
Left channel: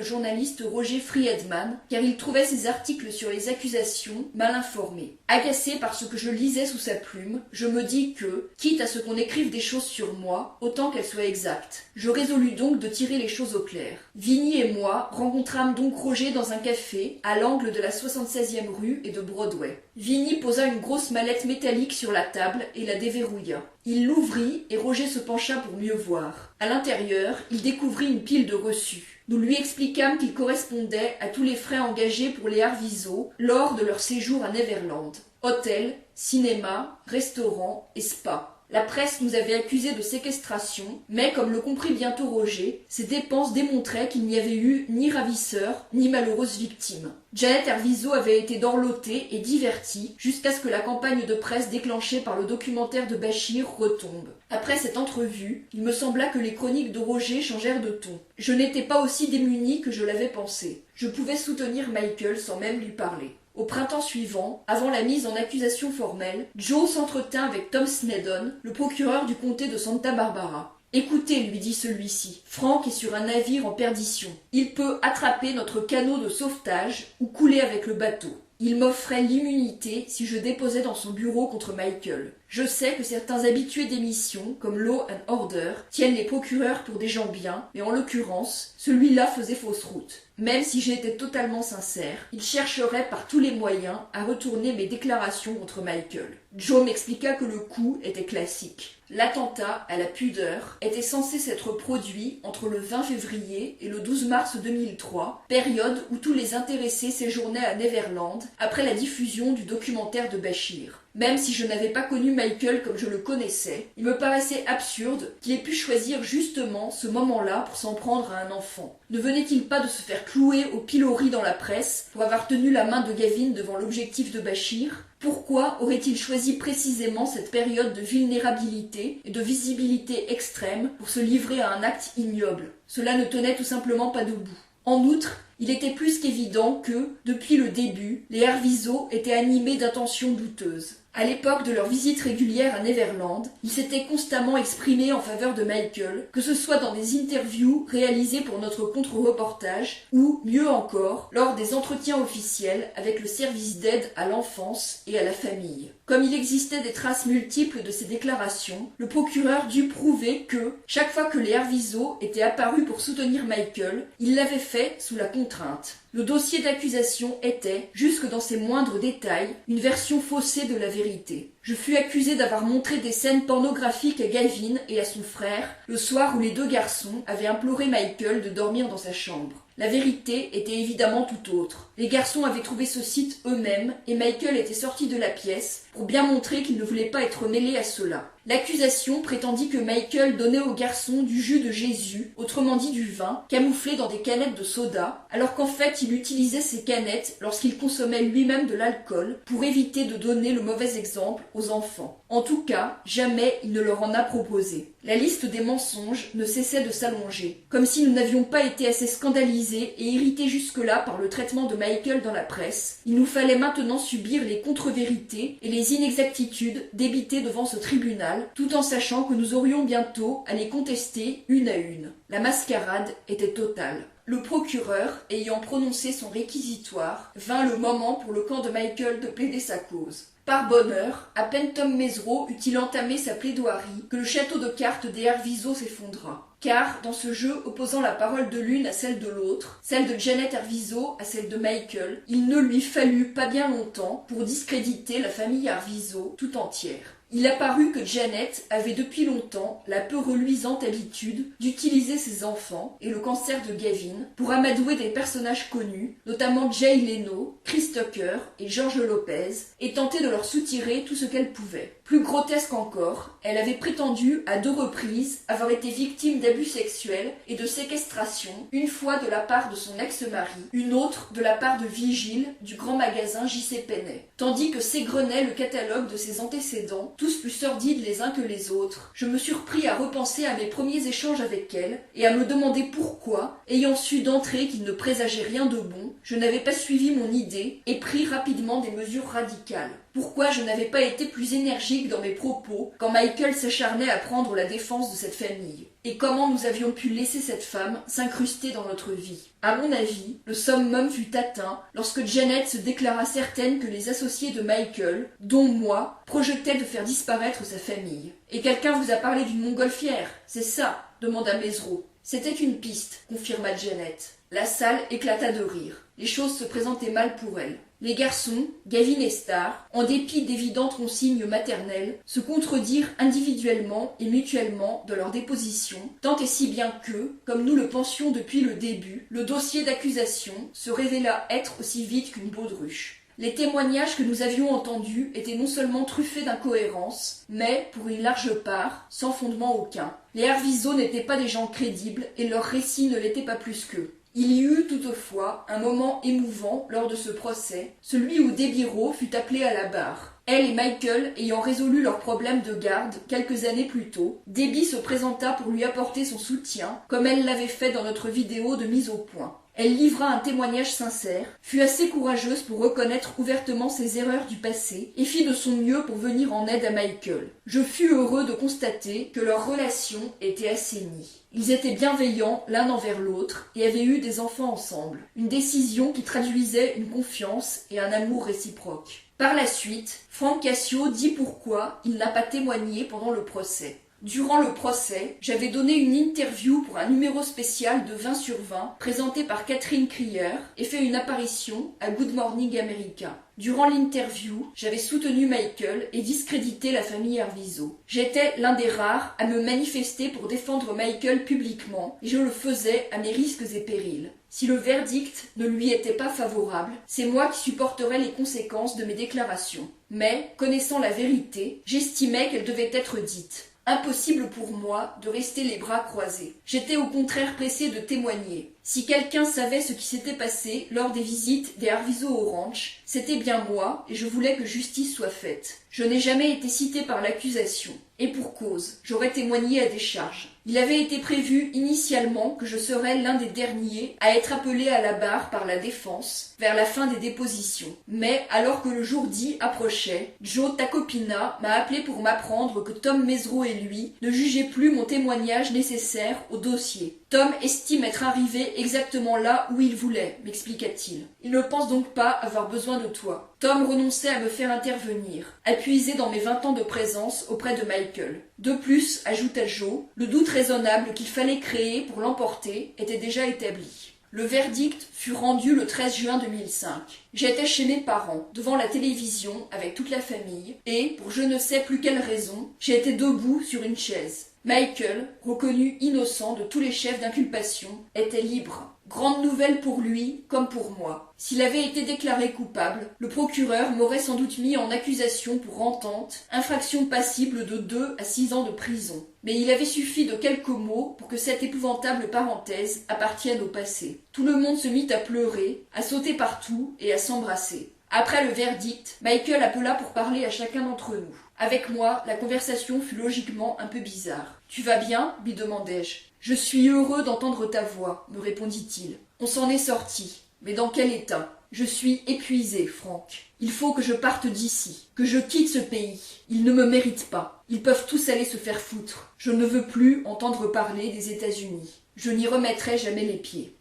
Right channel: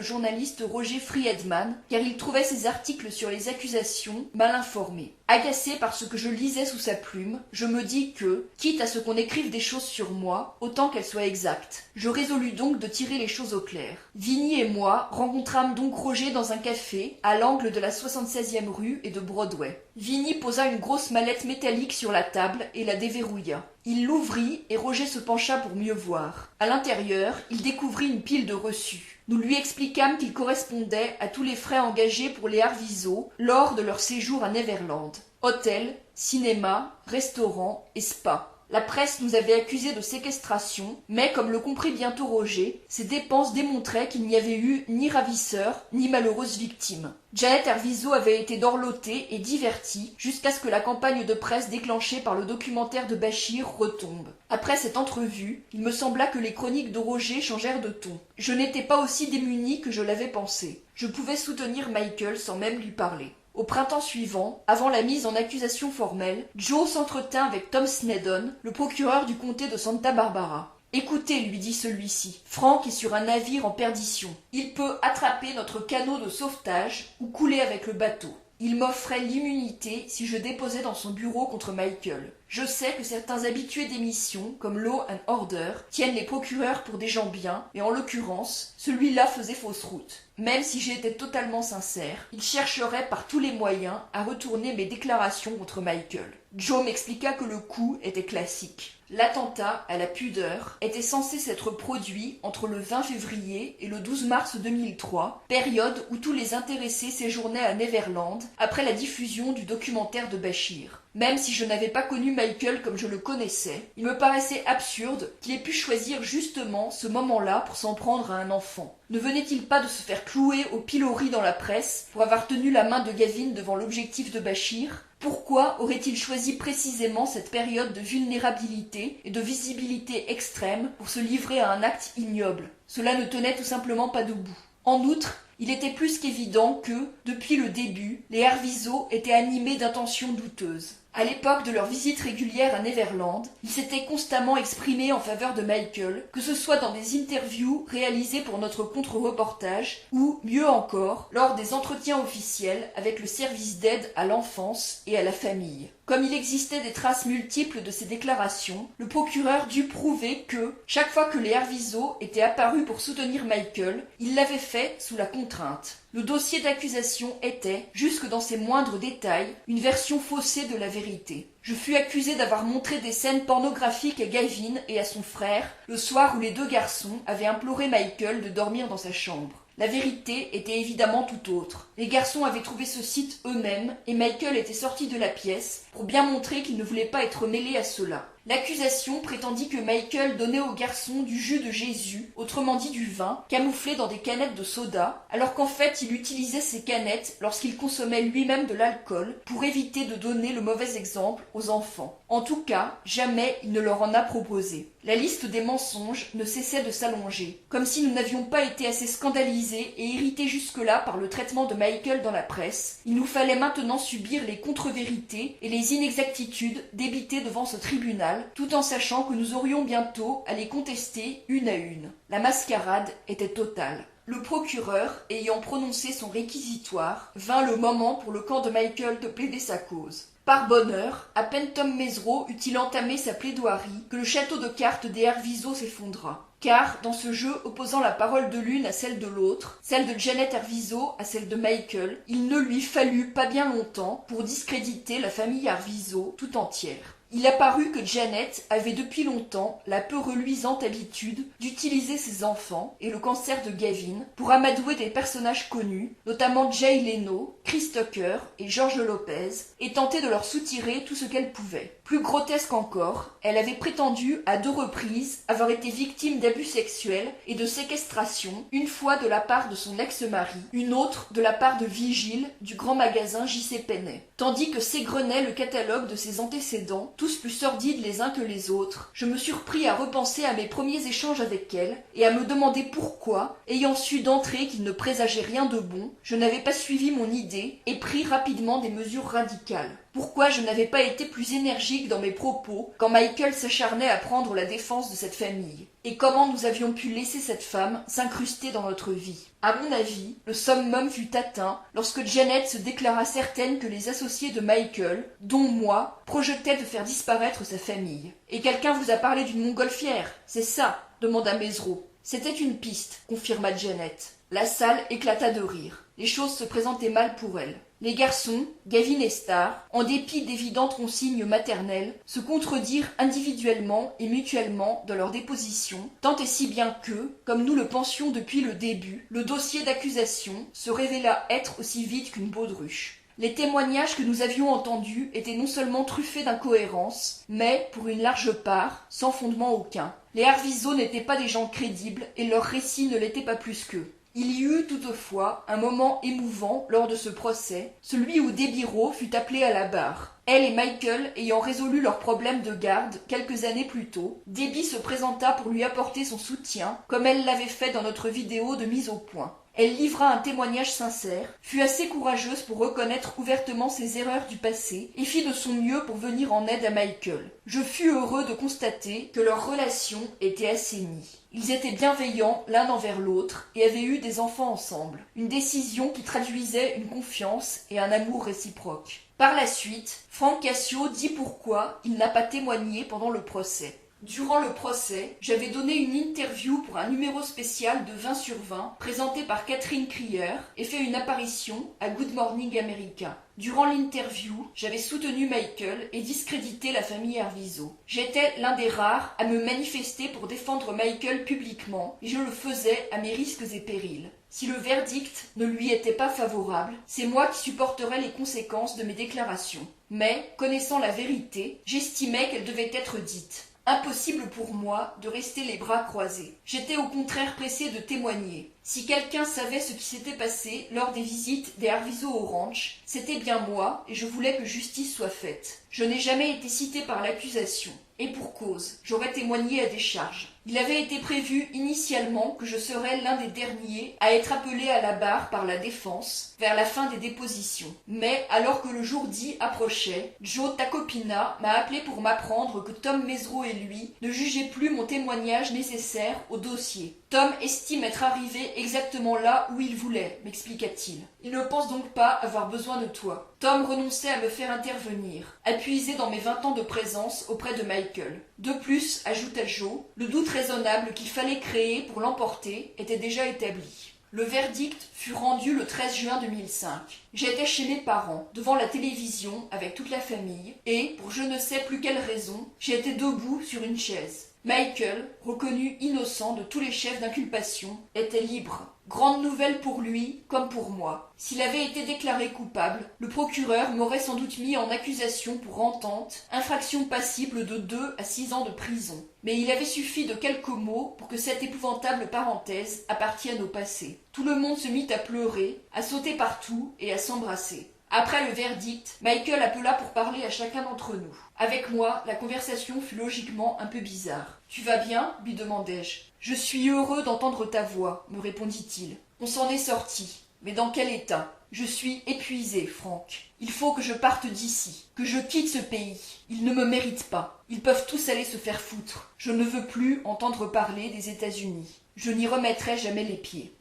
journaliste Roger Friedman car il trouvait ses articles sur les accusations mal informés. Agacé par ce que je lisais sous sa plume, je me dis que, quitte à ce qu'on écrive des choses sur moi, autant qu'elles soient exactes. Je résolus donc de tirer les choses au clair. Vinny et moi rencontrâmes donc Roger dans un café à l'angle de la 76e rue et de Broadway. Vinny posa une grosse mallette métallique sur la table et la déverrouilla. Il l'ouvrit et Roger se pencha pour mieux voir. À l'intérieur, il découvrit une pile de reçus. Nous lui expliquâmes qu'ils correspondaient à tous les frais engagés pour les Arvizo lors de leur séjour à Neverland. Hôtel, cinéma, restaurant et spa. La presse nous avait accusés de séquestration, mais comme le comprit bientôt Roger, ces dépenses démontraient qu'il n'y avait eu ni ravisseur, ni malheureuse victime. Janet Arvizo avait été dorlotée et divertie jusqu'à ce que la campagne de presse déclenchée par le documentaire de Bachir retombe. Après cette entrevue, il me sembla que les chroniques de Roger changèrent de ton. Je n'étais pas aussi démunie que je l'avais pensé. Je pouvais soutenir Michael sans même lui parler. Au printemps suivant, avant la mise en accusation formelle, Joe s'entretint avec Tom Snedden, le procureur du comté de Santa Barbara. « Écoutez, lui dit celui-ci, Frank est sur un navire en perdition. Il peut attraper notre canot de sauvetage ou couler avec le bateau. Il m'offrait l'immunité si je déposais dans son bureau contre Michael. Je sais que certains habitués d'émissions, comme Law and Order, tiennent les procureurs pour des gens bien, et en l'occurrence, celui-là faisait fausse route. Même si j'étais totalement sincère, il chercherait par tous les moyens à retourner mes déclarations contre Michael. Joe m'expliqua que le coup était classique. L'attentat à la pudeur était censé s'être produit entre le 20 février et le 12 mars 2003, période où tous les intéressés séjournaient à Neverland après la diffusion du documentaire de Bachir. Même si je n'avais pas connu Michael comme je le connaissais, il me paraissait absurde qu'il ait pu choisir justement ce moment-là pour s'en prendre à un enfant. Ne venait-il pas de se faire clouer au pilori dans la presse pour avoir tenu la main de Gavin devant l'objectif de Bachir ? Pourquoi aurait-il choisi précisément cette période de vulnérabilité et de visibilité extrême pour se livrer à un acte ignoble ? Cela ne tenait tout simplement pas debout. En outre, il était plus qu'évident que, depuis le début, les Arvizo étaient animés d'intentions douteuses. À l'époque de leur visite régulière à Neverland, ils s'étaient constamment exprimés en faveur de Michael, que ce soit dans des interviews réalisées pour notre contre-reportage ou, mieux encore, lors des entretiens officiels avec le service d'aide à l'enfance et à la famille. Comme il existait des traces multiples de ces déclarations, le procureur dut prouver que, chaque fois que les Arvizo étaient apparus pour soutenir Michael, il l'avait fait sous la contrainte. Le dossier d'accusation était, jusque dans ses moindres détails, une version faussée de la vérité. Je fus accusé d'avoir montré des scènes pornographiques à Gavin et à son frère le soir où les deux garçons avaient imploré Michael de dormir dans sa chambre. La vérité était évidemment tout autre. Les garçons avaient trouvé ce site eux-mêmes et Michael était sorti de la pièce pour bien montrer qu'il ne voulait pas être mêlé à cela. L'accusation prétendit que Michael donnait aux garçons du jus de Jésus, autrement dit du vin, camouflé dans des canettes de soda, alors qu'en fait il utilisait ces canettes lorsqu'il consommait lui-même de l'alcool pour éviter de donner le mauvais exemple aux enfants. En tout cas, jamais il ne leur en a proposé. La liste des mensonges ne cessait de s'allonger, comme si nous n'avions pas été assez scandalisés et irrités jusque-là par le traitement de Michael dans la presse. Il nous fallait maintenant subir les contre-vérités et les inexactitudes débitées devant ce tribunal, tout en sachant que nous aurions bientôt à les contester une à une. La mascarade était totale. Le procureur, ayant prononcé son réquisitoire, vint le moment pour le camp de Michael de plaider sa cause. Par bonheur, à peine Tom Mesereau eut-il entamé sa plaidoirie que le château de cartes des Arvizo s'effondra. Car, dans ce jeu opposant la parole de l'une à celle de l'autre, celle de Janet Arvizo à celle de Michael, il ne lui fallut pas bien longtemps pour discréditer la famille Arvizo tout entière. Il apparut que Janet avait depuis longtemps la peu reluisante habitude d'utiliser ses enfants et le cancer de Gavin pour amadouer des personnages connus, notamment Jay Leno, Chris Tucker et George Lopez, et tenter de leur soutirer tout ce qu'elle pouvait. Plus grotesque encore, elle avait prétendu à 2 reprises avoir été victime d'abus sexuels et de séquestration, une fois de la part de son ex-mari, une autre de la part de Vigile du grand magasin J.C. Penney. Tandis que s'égrenait le catalogue de ses antécédents, tous plus sordides les uns que les autres, je me surpris à repenser à mes premiers échanges avec elle et à me demander pourquoi, ayant su d'entrée qu'il ne présageait rien de bon, je n'avais pas suivi mon idée et pris rapidement des mesures radicales. Pourquoi je n'avais pas été plus énergique dans mes propos quand Michael s'acharnait à prendre la défense de cette famille? Et comment nous avions pu laisser cette femme s'incruster dans notre vie? À mon avis, le summum fut atteint lorsque Janet se déclara certaine que les associés de Michael, dont moi, projetaient de faire disparaître sa famille. « Et quelqu'un vous a parlé d'une montgolfière, c'est ça ?» demanda Mesereau. « C'était une piste, » confirma Janet. La salle éclata de rire. Les choses se présentaient mal pour elle. Les garçons, Gavin et Star, en dépit d'évidentes consignes maternelles, se contredirent individuellement et mutuellement de leur déposition, tant et si bien que, comme nous le pensions depuis le début, le dossier d'accusation se révéla être aussi vide qu'une baudruche. Les témoignages que nous avions entendus étaient non seulement truffés d'incohérences, mais, pour une large part, sans fondement aucun. Les Arvizo n'étaient pas des gens crédibles et leur récit ne l'était pas plus qu'eux. Il y eut toutefois un moment émouvant lors de ce procès, celui où Debbie Rowe fut appelée à la barre. Elle et Michael ayant résolu leurs problèmes de garde quelques années plus tôt, Debbie se présenta pour lui apporter son soutien, comme elle l'avait fait dans notre vidéo de mise au point. Elle livra un témoignage sincère, fut assez courageuse pour reconnaître ouvertement ses erreurs du passé et fit de son mieux pour venir en aide à Michael. Je fus heureux de constater que leur relation était assainie. Ils étaient bienveillants l'un envers l'autre et avaient eu des enfants ensemble, une décision qui traduisait une confiance et un amour réciproques. Par la suite, Frank Cassio dit pourquoi il n'a pas témoigné pendant le procès. Durant le procès, j'avais donné une interview pour un numéro spécial de 20 sur 20 présenté par Catherine Crier et fait une apparition à Good Morning America. Durant l'interview, j'avais soutenu Michael et discrédité la famille Arvizo. J'étais l'un des rares à me manifester pour défendre Michael publiquement et je le faisais à mes risques et périls. Si le verdict ne lui était pas favorable, c'est moi qui supporterais les conséquences de mes déclarations. Mais, connaissant la vérité, j'estimais qu'elle devait être dite. Impossible pour moi de rester les bras croisés. J'étais au contraire pressé de témoigner. Si quelqu'un savait ce qui s'était passé lors des visites des Arvizo au ranch, c'était bien moi et je voulais que justice soit faite. Je n'ai jamais été cité par l'accusation. Et pour cause, j'aurais témoigné à décharge. Il avait été prévu initialement que je serais l'un des derniers à être appelé à la barre par la défense vers la fin des dépositions. Mais alors que le jour dit approchait, Joe Tacopina m'a appelé pour m'apprendre que Tom Mesereau et lui ne jugeaient plus mon témoignage nécessaire au dossier. Tom estime être arrivé exactement là où il voulait, m'expliqua-t-il. Il ne pense donc pas avoir besoin de toi. Tom renonçait à me faire intervenir, appuyé dans mes 20 ans de présence auprès de Michael. De plus, ajouta Joe, le doute raisonnable qu'il fallait créer pour l'emporter était déjà établi. Le verdict fut rendu le 13 juin 2005. J'étais chez mes parents, devant la télévision avec toute la famille, et, pour je ne sais plus quelle raison, j'étais debout sur une chaise. Michael, reconnu innocent de tous les chefs d'inculpation, était libre. Grande nouvelle pour lui comme pour moi. S'il avait été déclaré coupable, le procureur m'aurait sans doute mis en accusation pour entente, infraction passible de 2 à 6 ans de prison. Mais il avait suffi de quelques mots pour que cette épouvantable parenthèse appartienne au passé. Tout le monde se mit à pleurer, à sauter partout et à s'embrasser. Après le verdict, Michael appela pour parler à chacun d'entre nous. Avec moi, la conversation fut logiquement un peu bizarre. « Tu vas bien ?» lui demandai-je. « Je suis heureux d'entendre ta voix », me répondit-il. On s'en est sorti. Mais dans quel état ? Je suis épuisé, Frank. Il faut que je parte d'ici, que je quitte ce pays. Ils ne me méritent pas. Ils peuvent tous aller se faire foutre. Je ne veux plus entendre parler des États-Unis. Je n'y remettrai jamais les pieds.